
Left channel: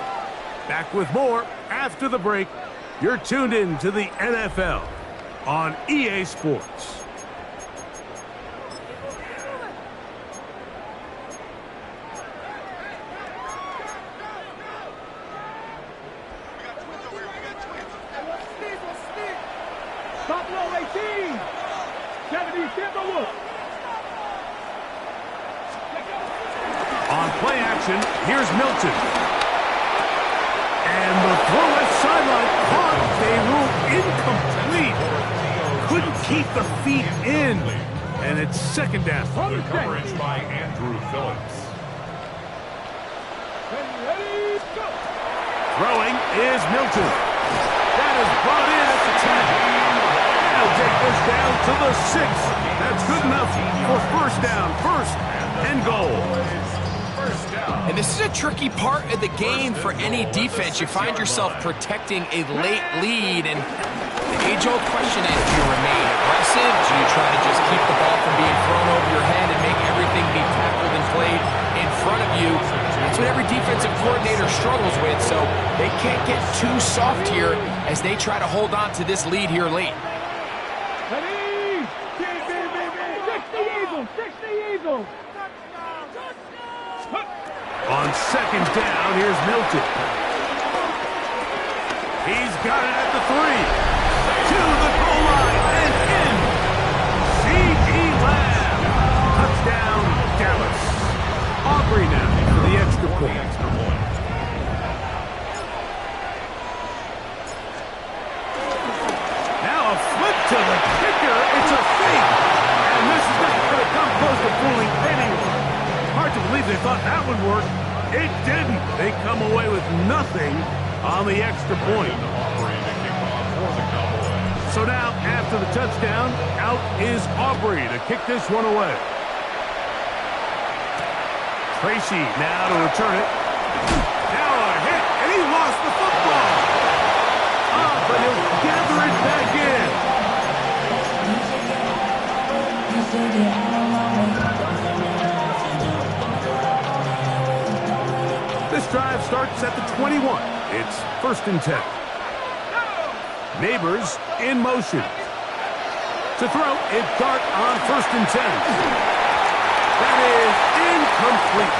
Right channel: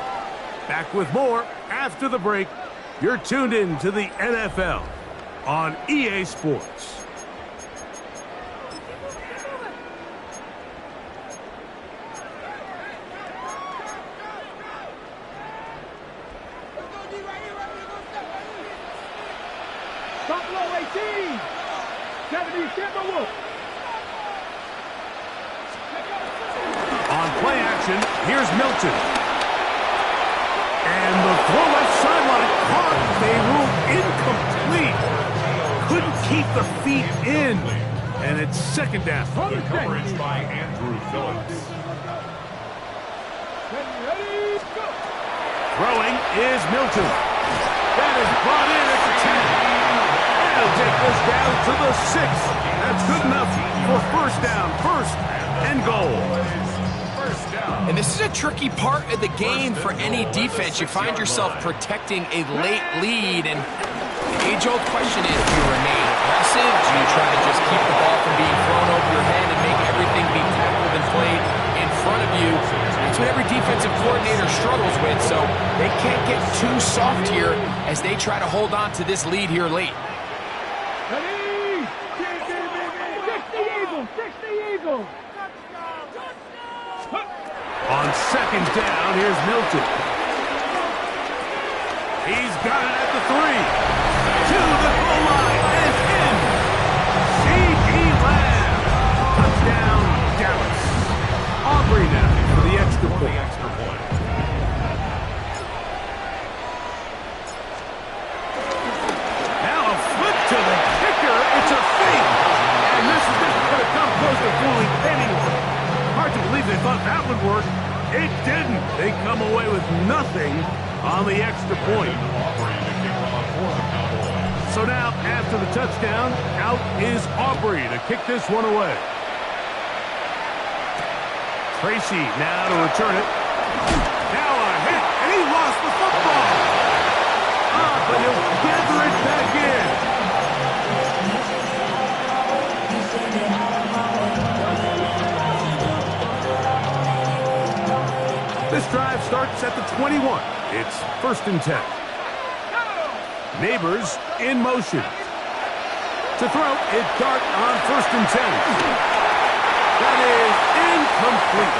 Back with more after the break. You're tuned in to the NFL on EA Sports. Buffalo 18. 70 Timberwolves. On play action, here's Milton. And the throw left sideline caught. They ruled incomplete. Couldn't keep the feet in. And it's second down. The coverage by Andrew Phillips. Ready, go. Throwing is Milton. That is brought in at the 10. They'll take this down to the 6. That's good enough for first down. First and goal. First down. And this is a tricky part of the game for any defense. You find yourself protecting a late lead, and the age-old question is, do you remain aggressive? Do you try to just keep the ball from being thrown over your head and make everything be tackled and played in front of you? That's what every defensive coordinator struggles with, so they can't get too soft here as they try to hold on to this lead here late. Ready? 60 Eagles! 60 Eagles! On second down, here's Milton. He's got it at the 3. To the goal line and in. C.D. Lamb. Touchdown, Dallas. Aubrey now for the extra point. Now a flip to the kicker. It's a fake. And this is not going to come close to fooling anyone. Hard to believe they thought that would work. It didn't. They come away with nothing on the extra point. Aubrey to kick off for the Cowboys. So now, after the touchdown, out is Aubrey to kick this one away. Tracy now to return it. Now a hit, and he lost the football. But he'll gather it back in. This drive starts at the 21. It's first and 10. Neighbors in motion. To throw, it Dart on first and 10. That is incomplete.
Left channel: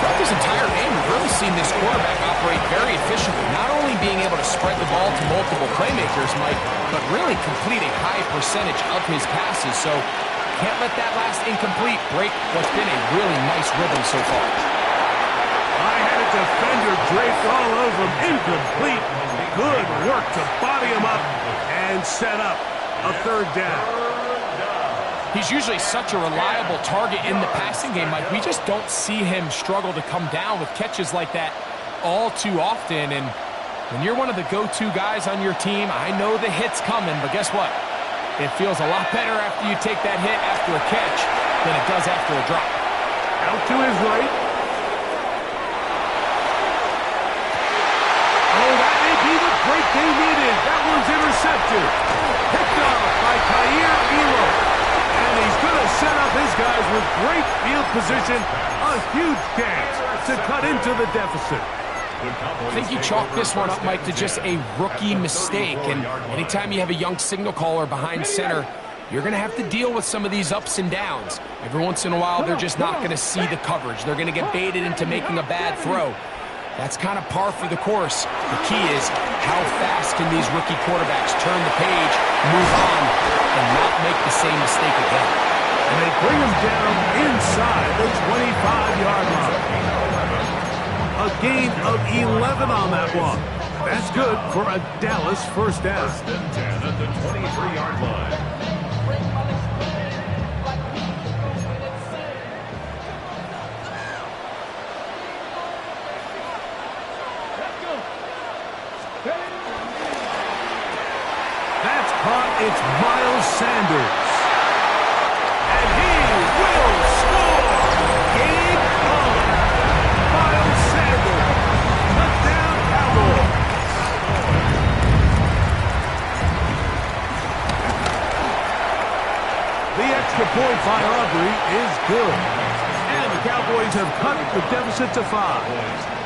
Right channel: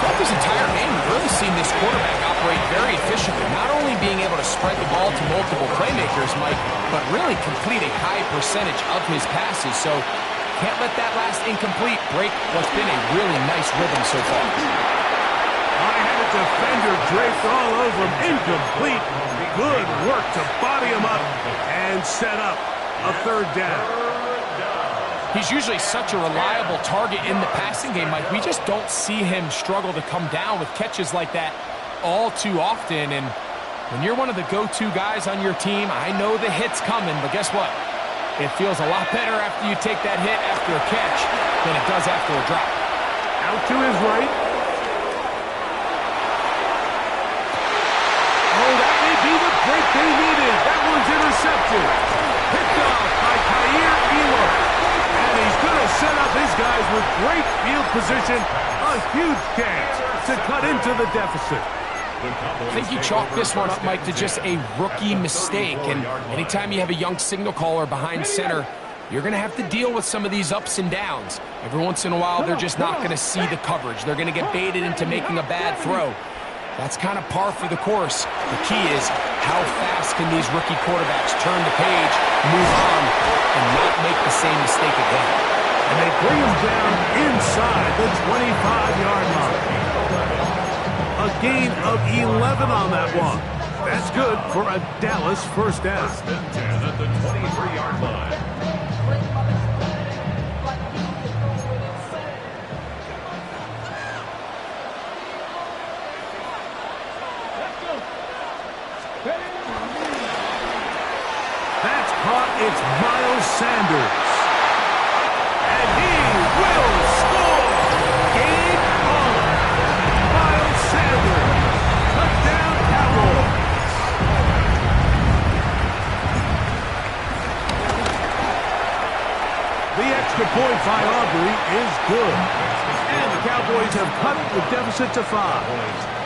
Throughout this entire game, we've really seen this quarterback operate very efficiently, not only being able to spread the ball to multiple playmakers, Mike, but really complete a high percentage of his passes. So can't let that last incomplete break what's been a really nice rhythm so far. I had a defender draped all over him. Incomplete. Good work to body him up and set up a third down. He's usually such a reliable target in the passing game, Mike. We just don't see him struggle to come down with catches like that all too often. And when you're one of the go-to guys on your team, I know the hit's coming, but guess what? It feels a lot better after you take that hit after a catch than it does after a drop. Out to his right. Oh, that may be the break they needed. That one's intercepted. Picked off by Kyer Elo. And he's going to set up his guys with great field position. A huge chance to cut into the deficit. I think you chalk this one up, Mike, to just a rookie mistake. And anytime you have a young signal caller behind center, you're going to have to deal with some of these ups and downs. Every once in a while, they're just not going to see the coverage. They're going to get baited into making a bad throw. That's kind of par for the course. The key is how fast can these rookie quarterbacks turn the page, move on, and not make the same mistake again. And they bring him down inside the 25-yard line. A gain of 11 on that one. That's good for a Dallas first down. First and 10 at the 23-yard line. That's caught. It's Miles Sanders. And he will score. Game on. Miles Sanders. Touchdown, Cowboys. The extra point by Aubrey is good. And the Cowboys have cut the deficit to 5.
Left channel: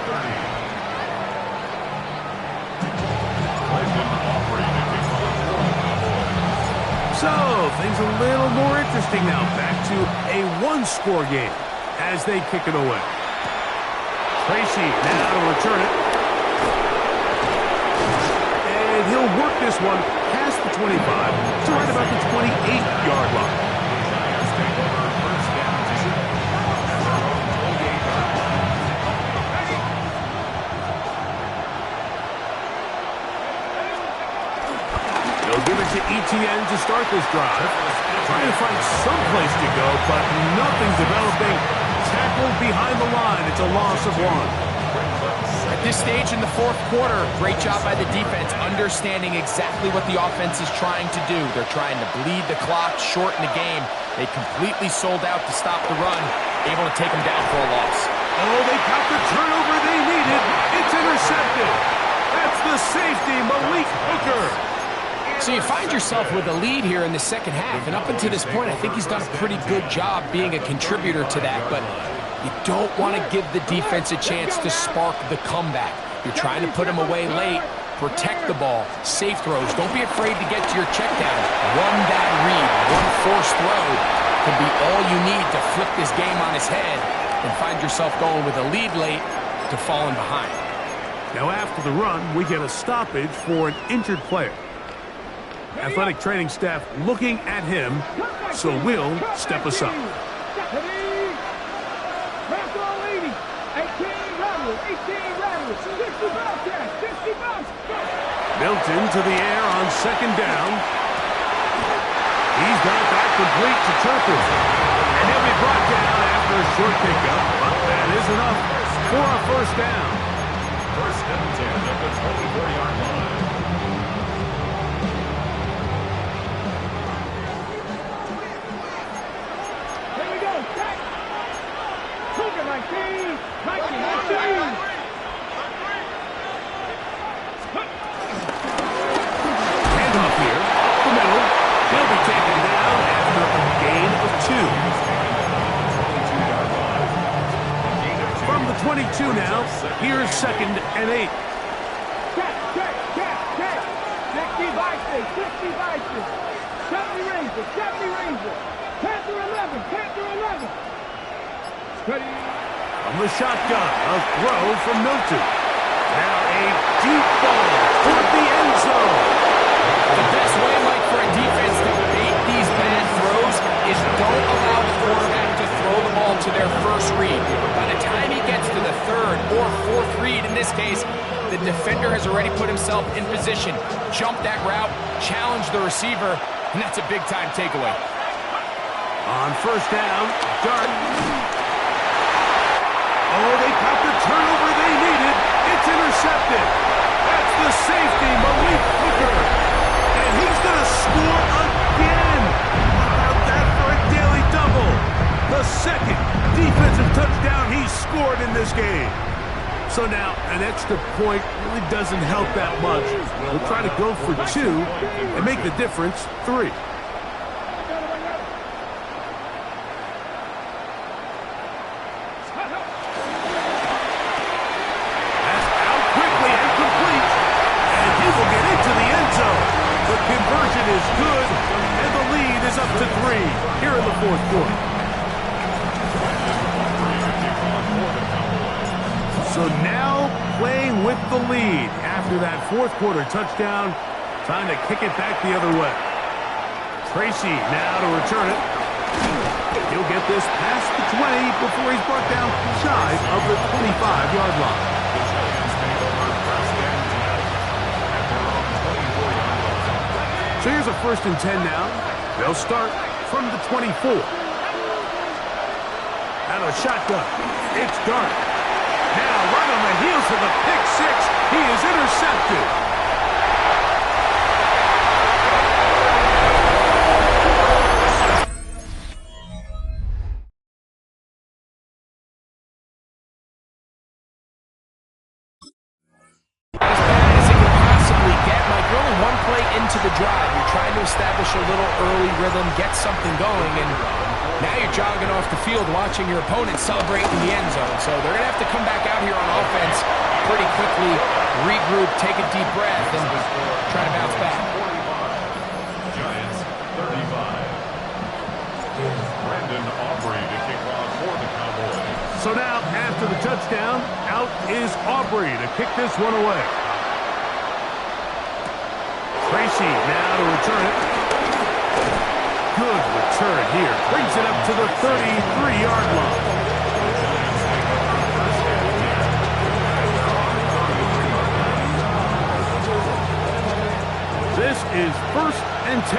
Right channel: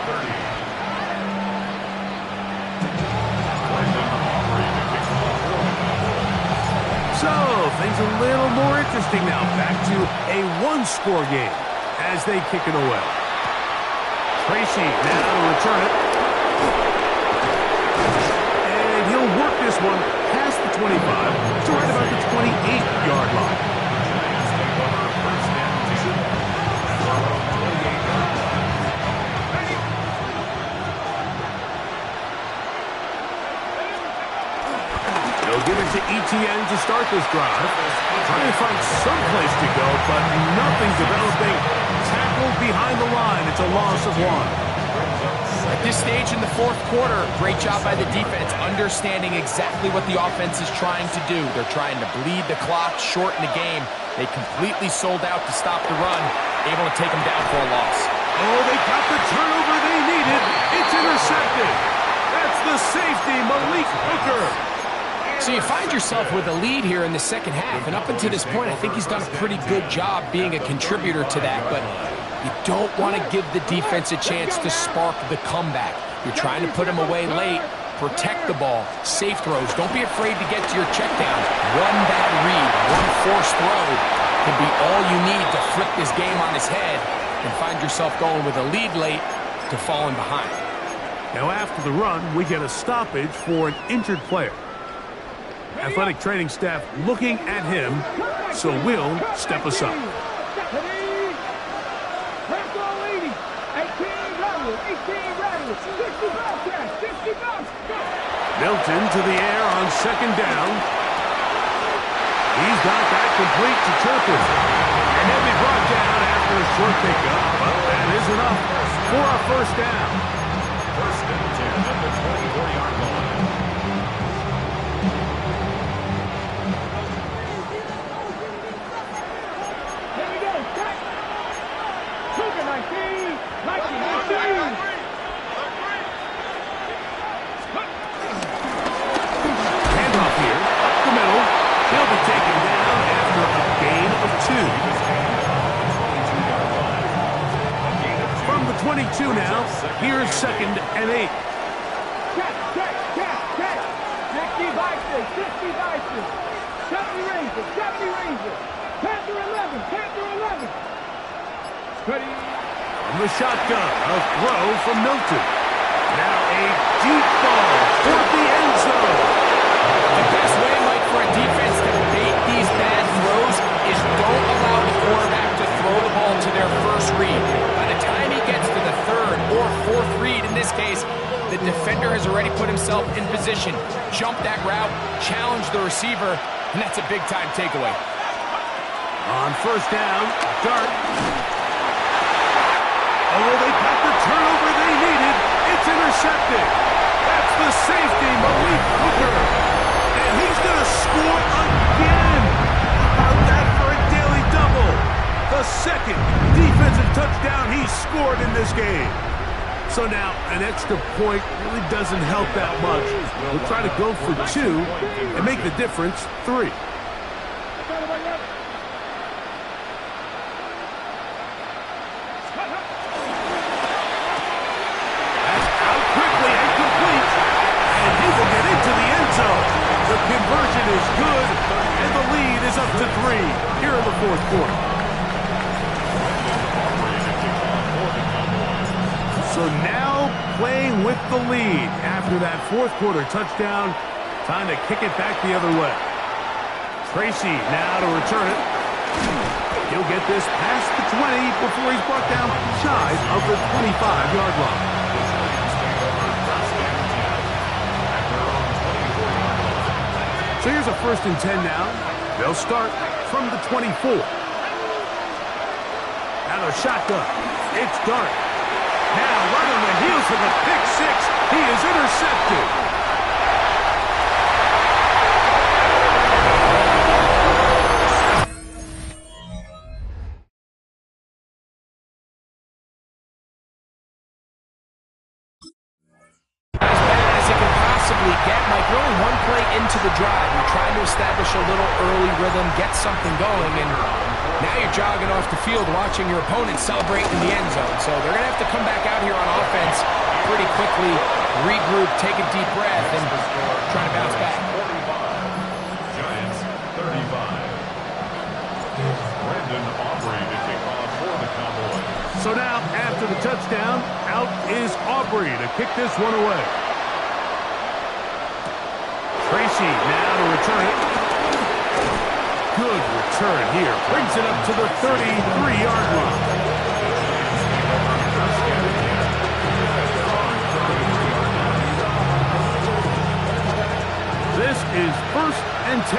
So, things a little more interesting now. Back to a one-score game as they kick it away. Tracy now to return it. And he'll work this one past the 25 to right about the 28-yard line. The Giants take over first down 2 at their own 28-yard line. They'll give it to Etienne to start this drive. Trying to find some place to go, but nothing developing. Tackled behind the line. It's a loss of 1. Brings up At this stage in the fourth quarter, great job by the defense, understanding exactly what the offense is trying to do. They're trying to bleed the clock, shorten the game. They completely sold out to stop the run, able to take them down for a loss. Oh, they got the turnover they needed. It's intercepted. That's the safety, Malik Hooker. So you find yourself with a lead here in the second half, and up until this point, I think he's done a pretty good job being a contributor to that, but you don't want to give the defense a chance to spark the comeback. You're trying to put him away late, protect the ball, safe throws. Don't be afraid to get to your checkdowns. One bad read, one forced throw could be all you need to flip this game on its head and find yourself going with a lead late to falling behind. Now after the run, we get a stoppage for an injured player. Athletic training staff looking at him, so we'll step aside. Milton to the air on second down. He's got that complete to Turpin. And he'll be brought down after a short pickup, but that is enough for a first down. First and 10 at the 24-yard line. Here we go, set. Cougar 19, 19. Handoff here, up the middle. He'll be taken down after a gain of 2. From the 22 now, here's second and 8. Check. 60 Vikings, 60 Vikings. 70 Rangers, 70 Rangers. Panther 11. Ready. From the shotgun, a throw from Milton. Now a deep ball toward the end zone. The best way, Mike, for a defense to bait these bad throws is don't allow the quarterback to throw the ball to their first read. By the time he gets to the third or fourth read, in this case, the defender has already put himself in position, jump that route, challenge the receiver, and that's a big-time takeaway. On first down, Dart. Oh, they got the turnover they needed. It's intercepted. That's the safety, Malik Hooker. And he's going to score again. How about that for a daily double? The second defensive touchdown he's scored in this game. So now an extra point really doesn't help that much. We'll try to go for 2 and make the difference 3. That's out quickly and complete. And he will get into the end zone. The conversion is good, and the lead is up to 3 here in the fourth quarter. So now playing with the lead after that fourth quarter touchdown. Time to kick it back the other way. Tracy now to return it. He'll get this past the 20 before he's brought down shy of the 25-yard line. The Giants take over first and 10 at their own 24-yard line. So here's a first and 10 now. They'll start from the 24. Out of shotgun. It's Dart. Now right on the heels of the pick 6. He is intercepted. As bad as it can possibly get, Mike, you're only one play into the drive. You're trying to establish a little early rhythm, get something going, and now you're jogging off the field watching your opponent celebrate in the end zone. So they're going to have to come back out here on offense pretty quickly, regroup, take a deep breath, and try to bounce back. 45. Giants 35. Brandon Aubrey to kick off for the Cowboys. So now, after the touchdown, out is Aubrey to kick this one away. Tracy now to return it. Good return here. Brings it up to the 33-yard line. The Giants take over first and 10 at their own 33-yard line. This is first and 10.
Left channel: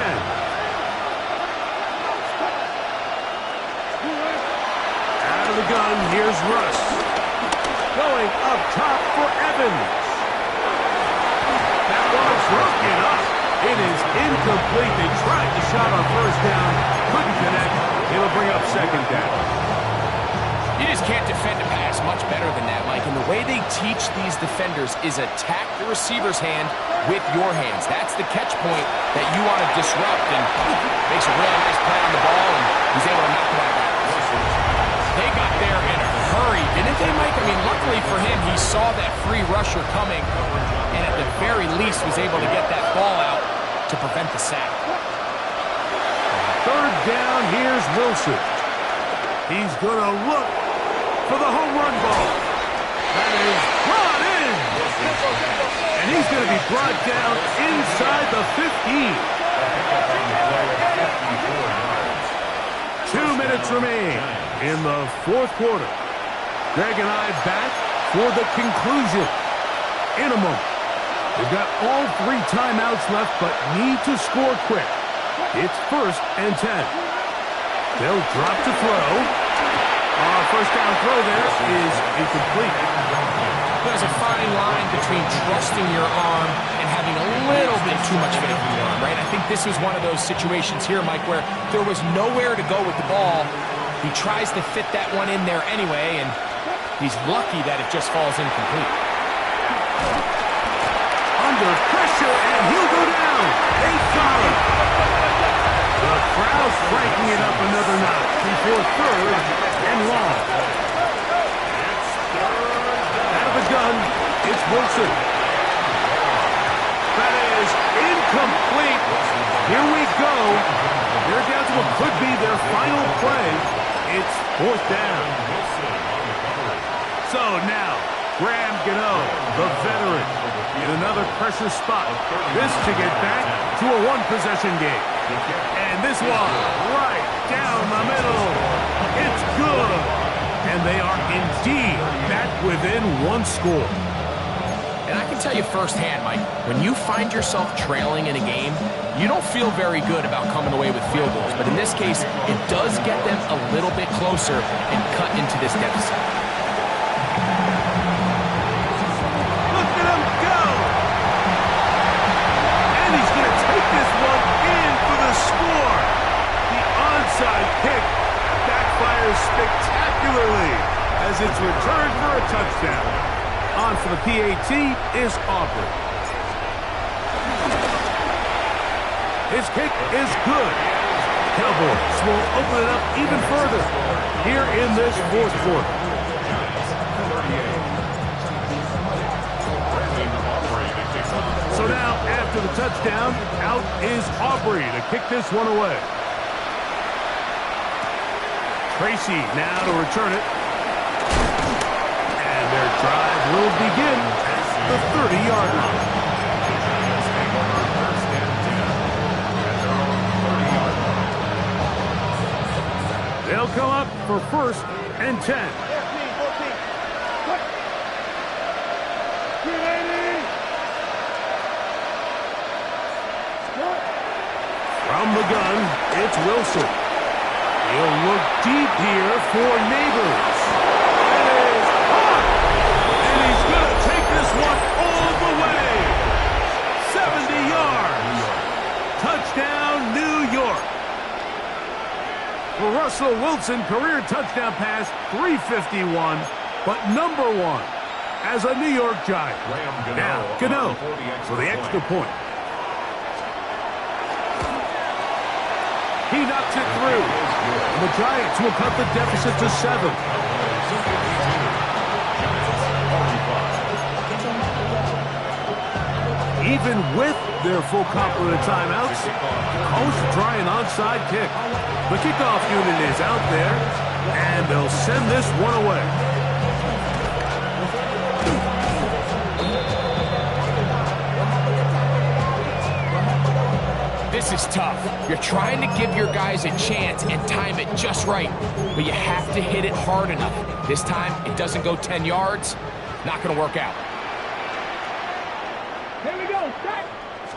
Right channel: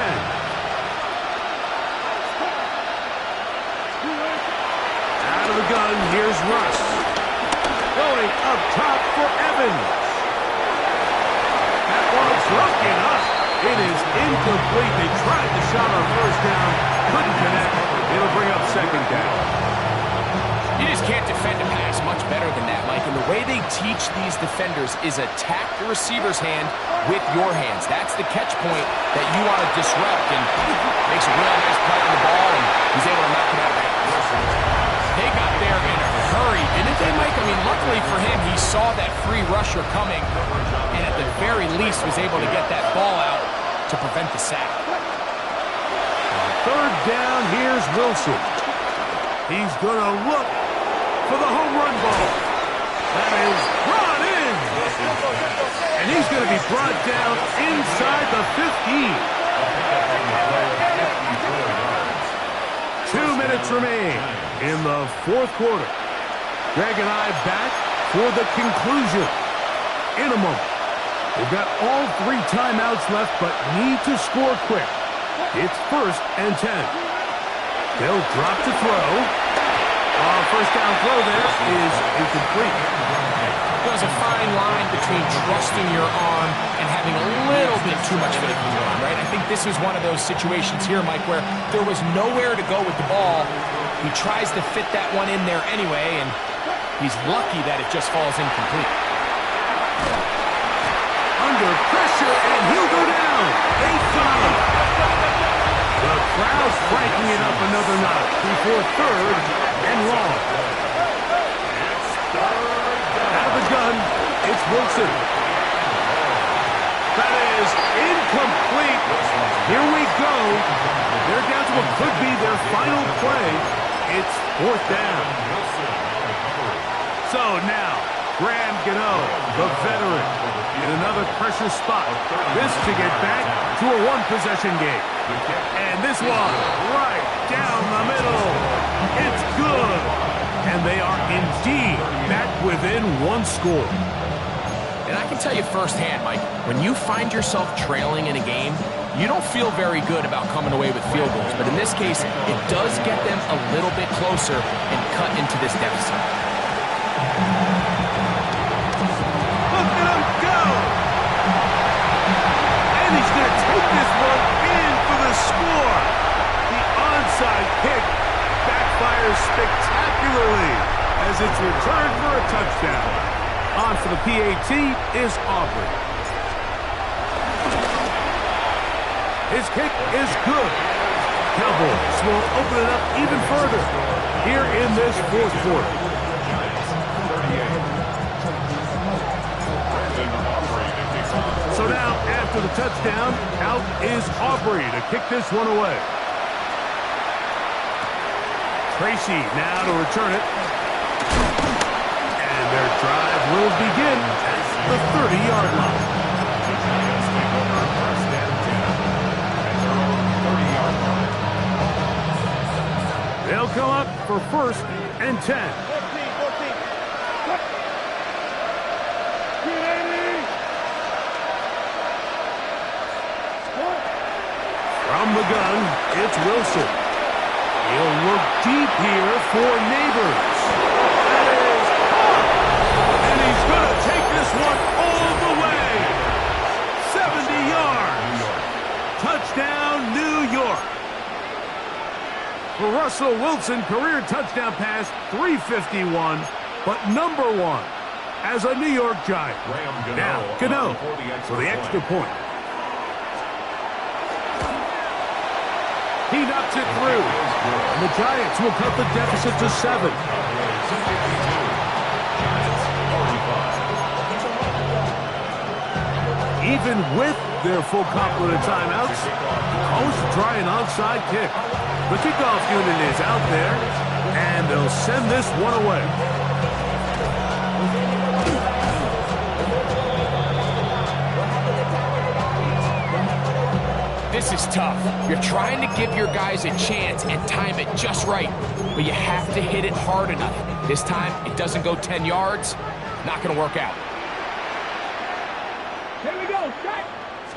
Out of the gun, here's Russ. Going up top for Evans. That ball broken up. It is incomplete. They tried the shot on first down. Couldn't connect. It'll bring up second down. You just can't defend a pass much better than that, Mike. And the way they teach these defenders is attack the receiver's hand with your hands. That's the catch point that you want to disrupt. And makes a really nice play on the ball, and he's able to knock it out of bounds. They got there in a hurry, didn't they, Mike? I mean, luckily for him, he saw that free rusher coming, and at the very least was able to get that ball out to prevent the sack. Third down, here's Wilson. He's going to look for the home run ball. That is brought in. And he's going to be brought down inside the 15. 2 minutes remain in the fourth quarter. Greg and I back for the conclusion in a moment. They've got all 3 timeouts left, but need to score quick. It's 1st and 10. They'll drop to throw. First down throw there is incomplete. There's a fine line between trusting your arm and having a little bit too much faith in your arm, right? I think this was one of those situations here, Mike, where there was nowhere to go with the ball. He tries to fit that one in there anyway, and he's lucky that it just falls incomplete. Under pressure, and he'll go down. They follow. The crowd cranking it up another notch before 3rd and long. Out of the gun, it's Wilson. That is incomplete. Here we go. They're down to what could be their final play. It's 4th down. So now, Graham Gano, the veteran, in another pressure spot. This to get back to a 1-possession game. And this one, right down the middle. It's good. And they are indeed back within 1 score. And I can tell you firsthand, Mike, when you find yourself trailing in a game, you don't feel very good about coming away with field goals. But in this case, it does get them a little bit closer and cut into this deficit. Look at him go! And he's going to take this one in for the score. The onside kick backfires spectacularly as it's returned for a touchdown. On for the PAT is Aubrey. His kick is good. Cowboys will open it up even further here in this 4th quarter. So now, after the touchdown, out is Aubrey to kick this one away. Tracy now to return it. And their drive will begin at the 30-yard line. They'll come up for 1st and 10. 14. From the gun, it's Wilson. He'll look deep here for Neighbors. That is caught! And he's going to take this one all the way. 70 yards. Touchdown, New York. For Russell Wilson, career touchdown pass, 351, but number 1 as a New York Giant. Now, Gano for the extra point. He knocks it through. And the Giants will cut the deficit to 7. Even with their full complement of timeouts, the Coast try an onside kick. The kickoff unit is out there, and they'll send this one away. This is tough. You're trying to give your guys a chance and time it just right, but you have to hit it hard enough. This time, it doesn't go 10 yards. Not going to work out. Here we go. Set.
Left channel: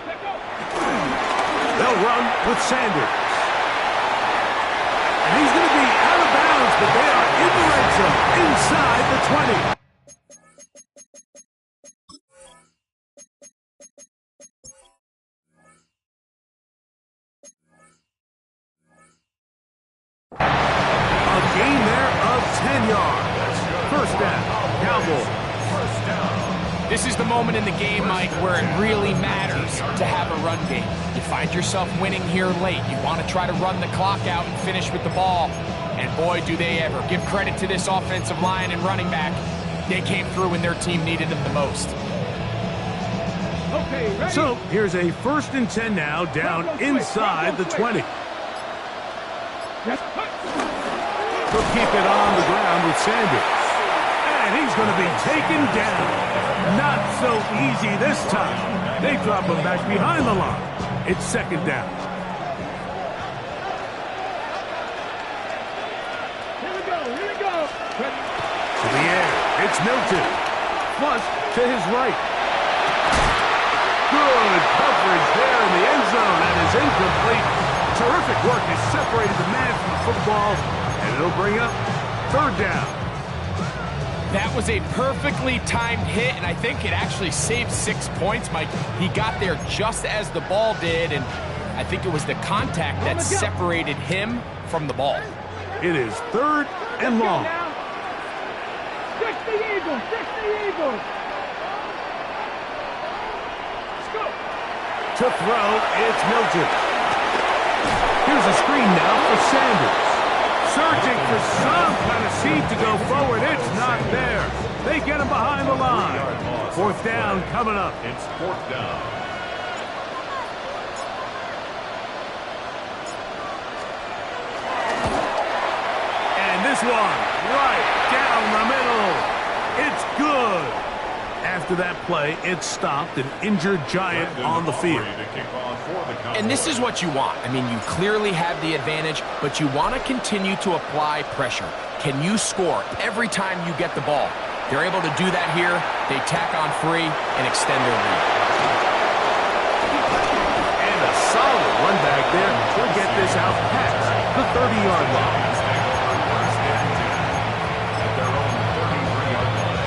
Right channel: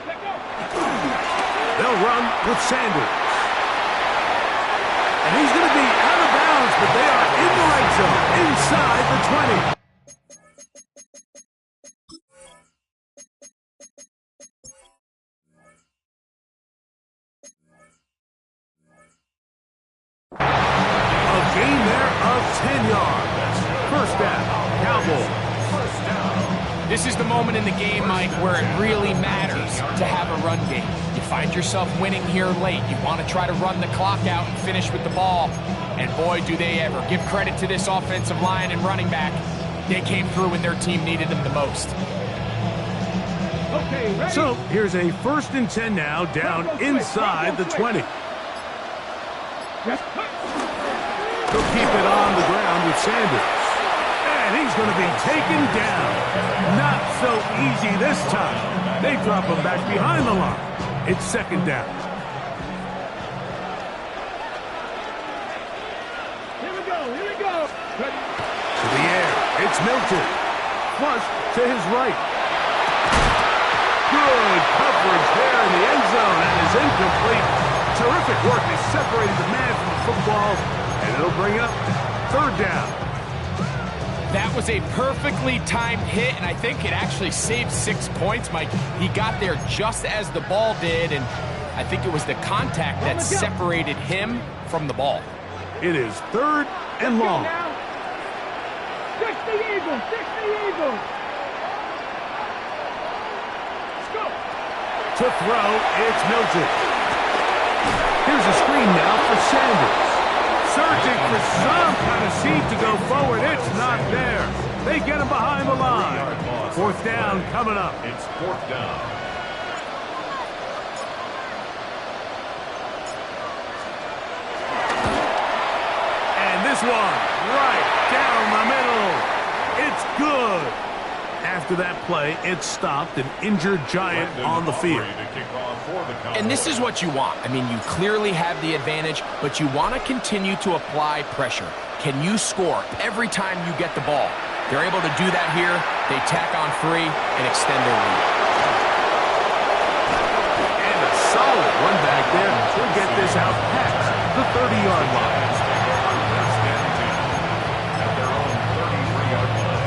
Let go. They'll run with Sanders. And he's going to be out of bounds, but they are in the red zone, inside the 20. gain there of 10 yards. First down, Cowboys. First down. This is the moment in the game, Mike, where it really matters to have a run game. You find yourself winning here late. You want to try to run the clock out and finish with the ball. And boy, do they ever. Give credit to this offensive line and running back. They came through when their team needed them the most. Okay, ready? So here's a 1st and 10 now, down inside the 20. Yes. He'll keep it on the ground with Sanders. And he's going to be taken down. Not so easy this time. They drop him back behind the line. It's 2nd down. Here we go, here we go. Ready? To the air, it's Milton. Flush to his right. Good coverage there in the end zone, and is incomplete. Terrific work. They separated the man from the football, and it'll bring up 3rd down. That was a perfectly timed hit, and I think it actually saved 6 points, Mike. He got there just as the ball did, and I think it was the contact that separated him from the ball. It is 3rd and long. 60 Eagles, 60 Eagles. Let's go. To throw, it's Milton. Here's a screen now for Sanders. Searching for some kind of seed to go forward. It's not there. They get him behind the line. 4th down coming up. It's 4th down. And this one, right down the middle. It's good. After that play, it stopped an injured Giant on the field. And this is what you want. I mean, you clearly have the advantage, but you want to continue to apply pressure. Can you score every time you get the ball? They're able to do that here. They tack on 3 and extend their lead. And a solid run back there to get this out past the 30-yard line. First and 10 at their own 33-yard line.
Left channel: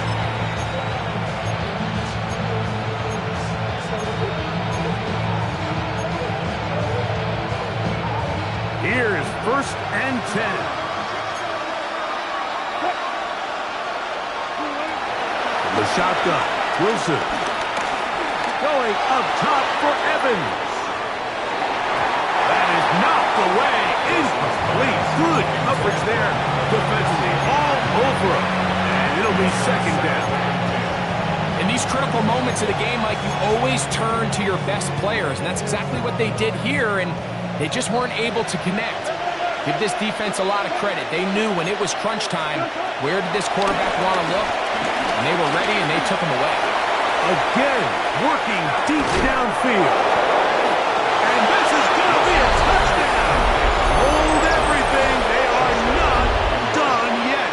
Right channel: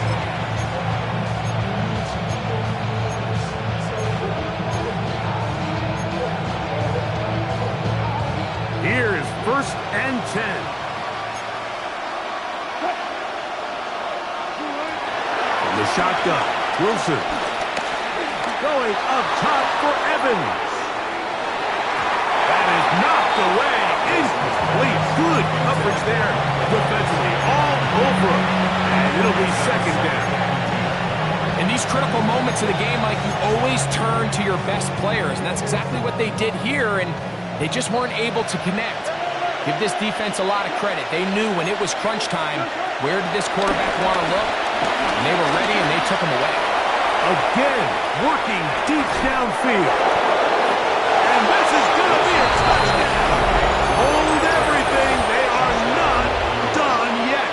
Here's 1st and 10. From the shotgun, Wilson. Going up top for Evans. That is knocked away. Incomplete. Good coverage there defensively. All over him. And it'll be 2nd down. In these critical moments of the game, Mike, you always turn to your best players, and that's exactly what they did here, and they just weren't able to connect. Give this defense a lot of credit. They knew when it was crunch time, where did this quarterback want to look? And they were ready, and they took him away. Again, working deep downfield. And this is going to be a touchdown. Hold everything. They are not done yet.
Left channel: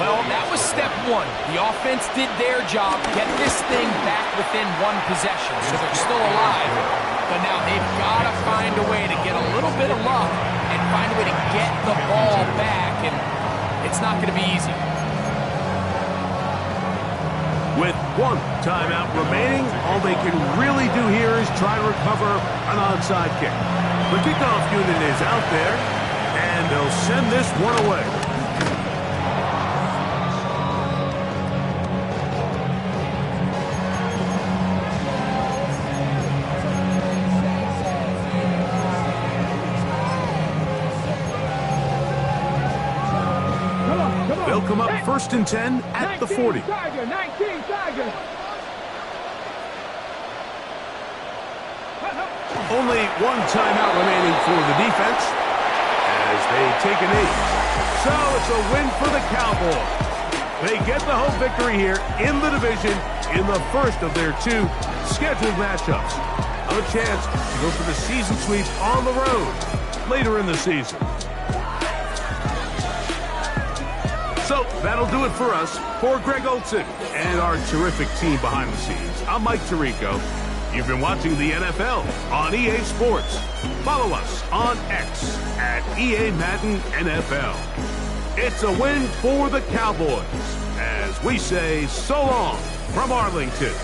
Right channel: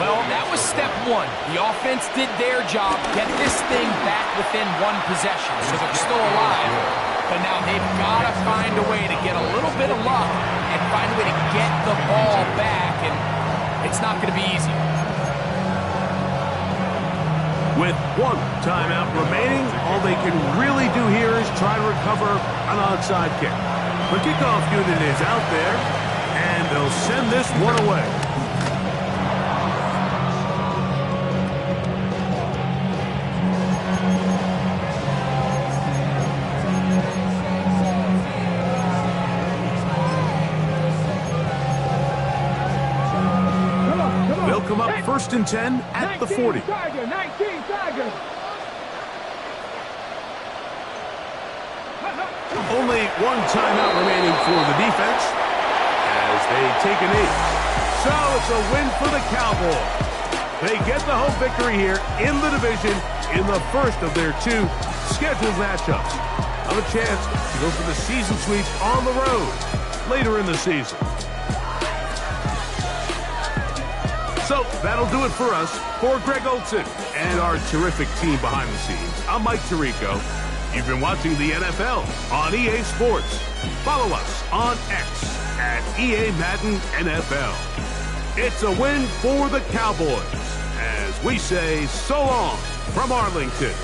Well, that was step 1. The offense did their job, get this thing back within 1 possession, so they're still alive. But now they've got to find a way to get a little bit of luck and find a way to get the ball back, and it's not going to be easy. With 1 timeout remaining, all they can really do here is try to recover an onside kick. The kickoff unit is out there, and they'll send this one away. They'll come up 1st and 10 at the 40. Tiger, 19 Tiger. Only 1 timeout remaining for the defense as they take a knee. So it's a win for the Cowboys. They get the home victory here in the division in the first of their 2 scheduled matchups. Have a chance to go for the season sweep on the road later in the season. So that'll do it for us. For Greg Olson and our terrific team behind the scenes, I'm Mike Tirico. You've been watching the NFL on EA Sports. Follow us on X at EA Madden NFL. It's a win for the Cowboys as we say so long from Arlington.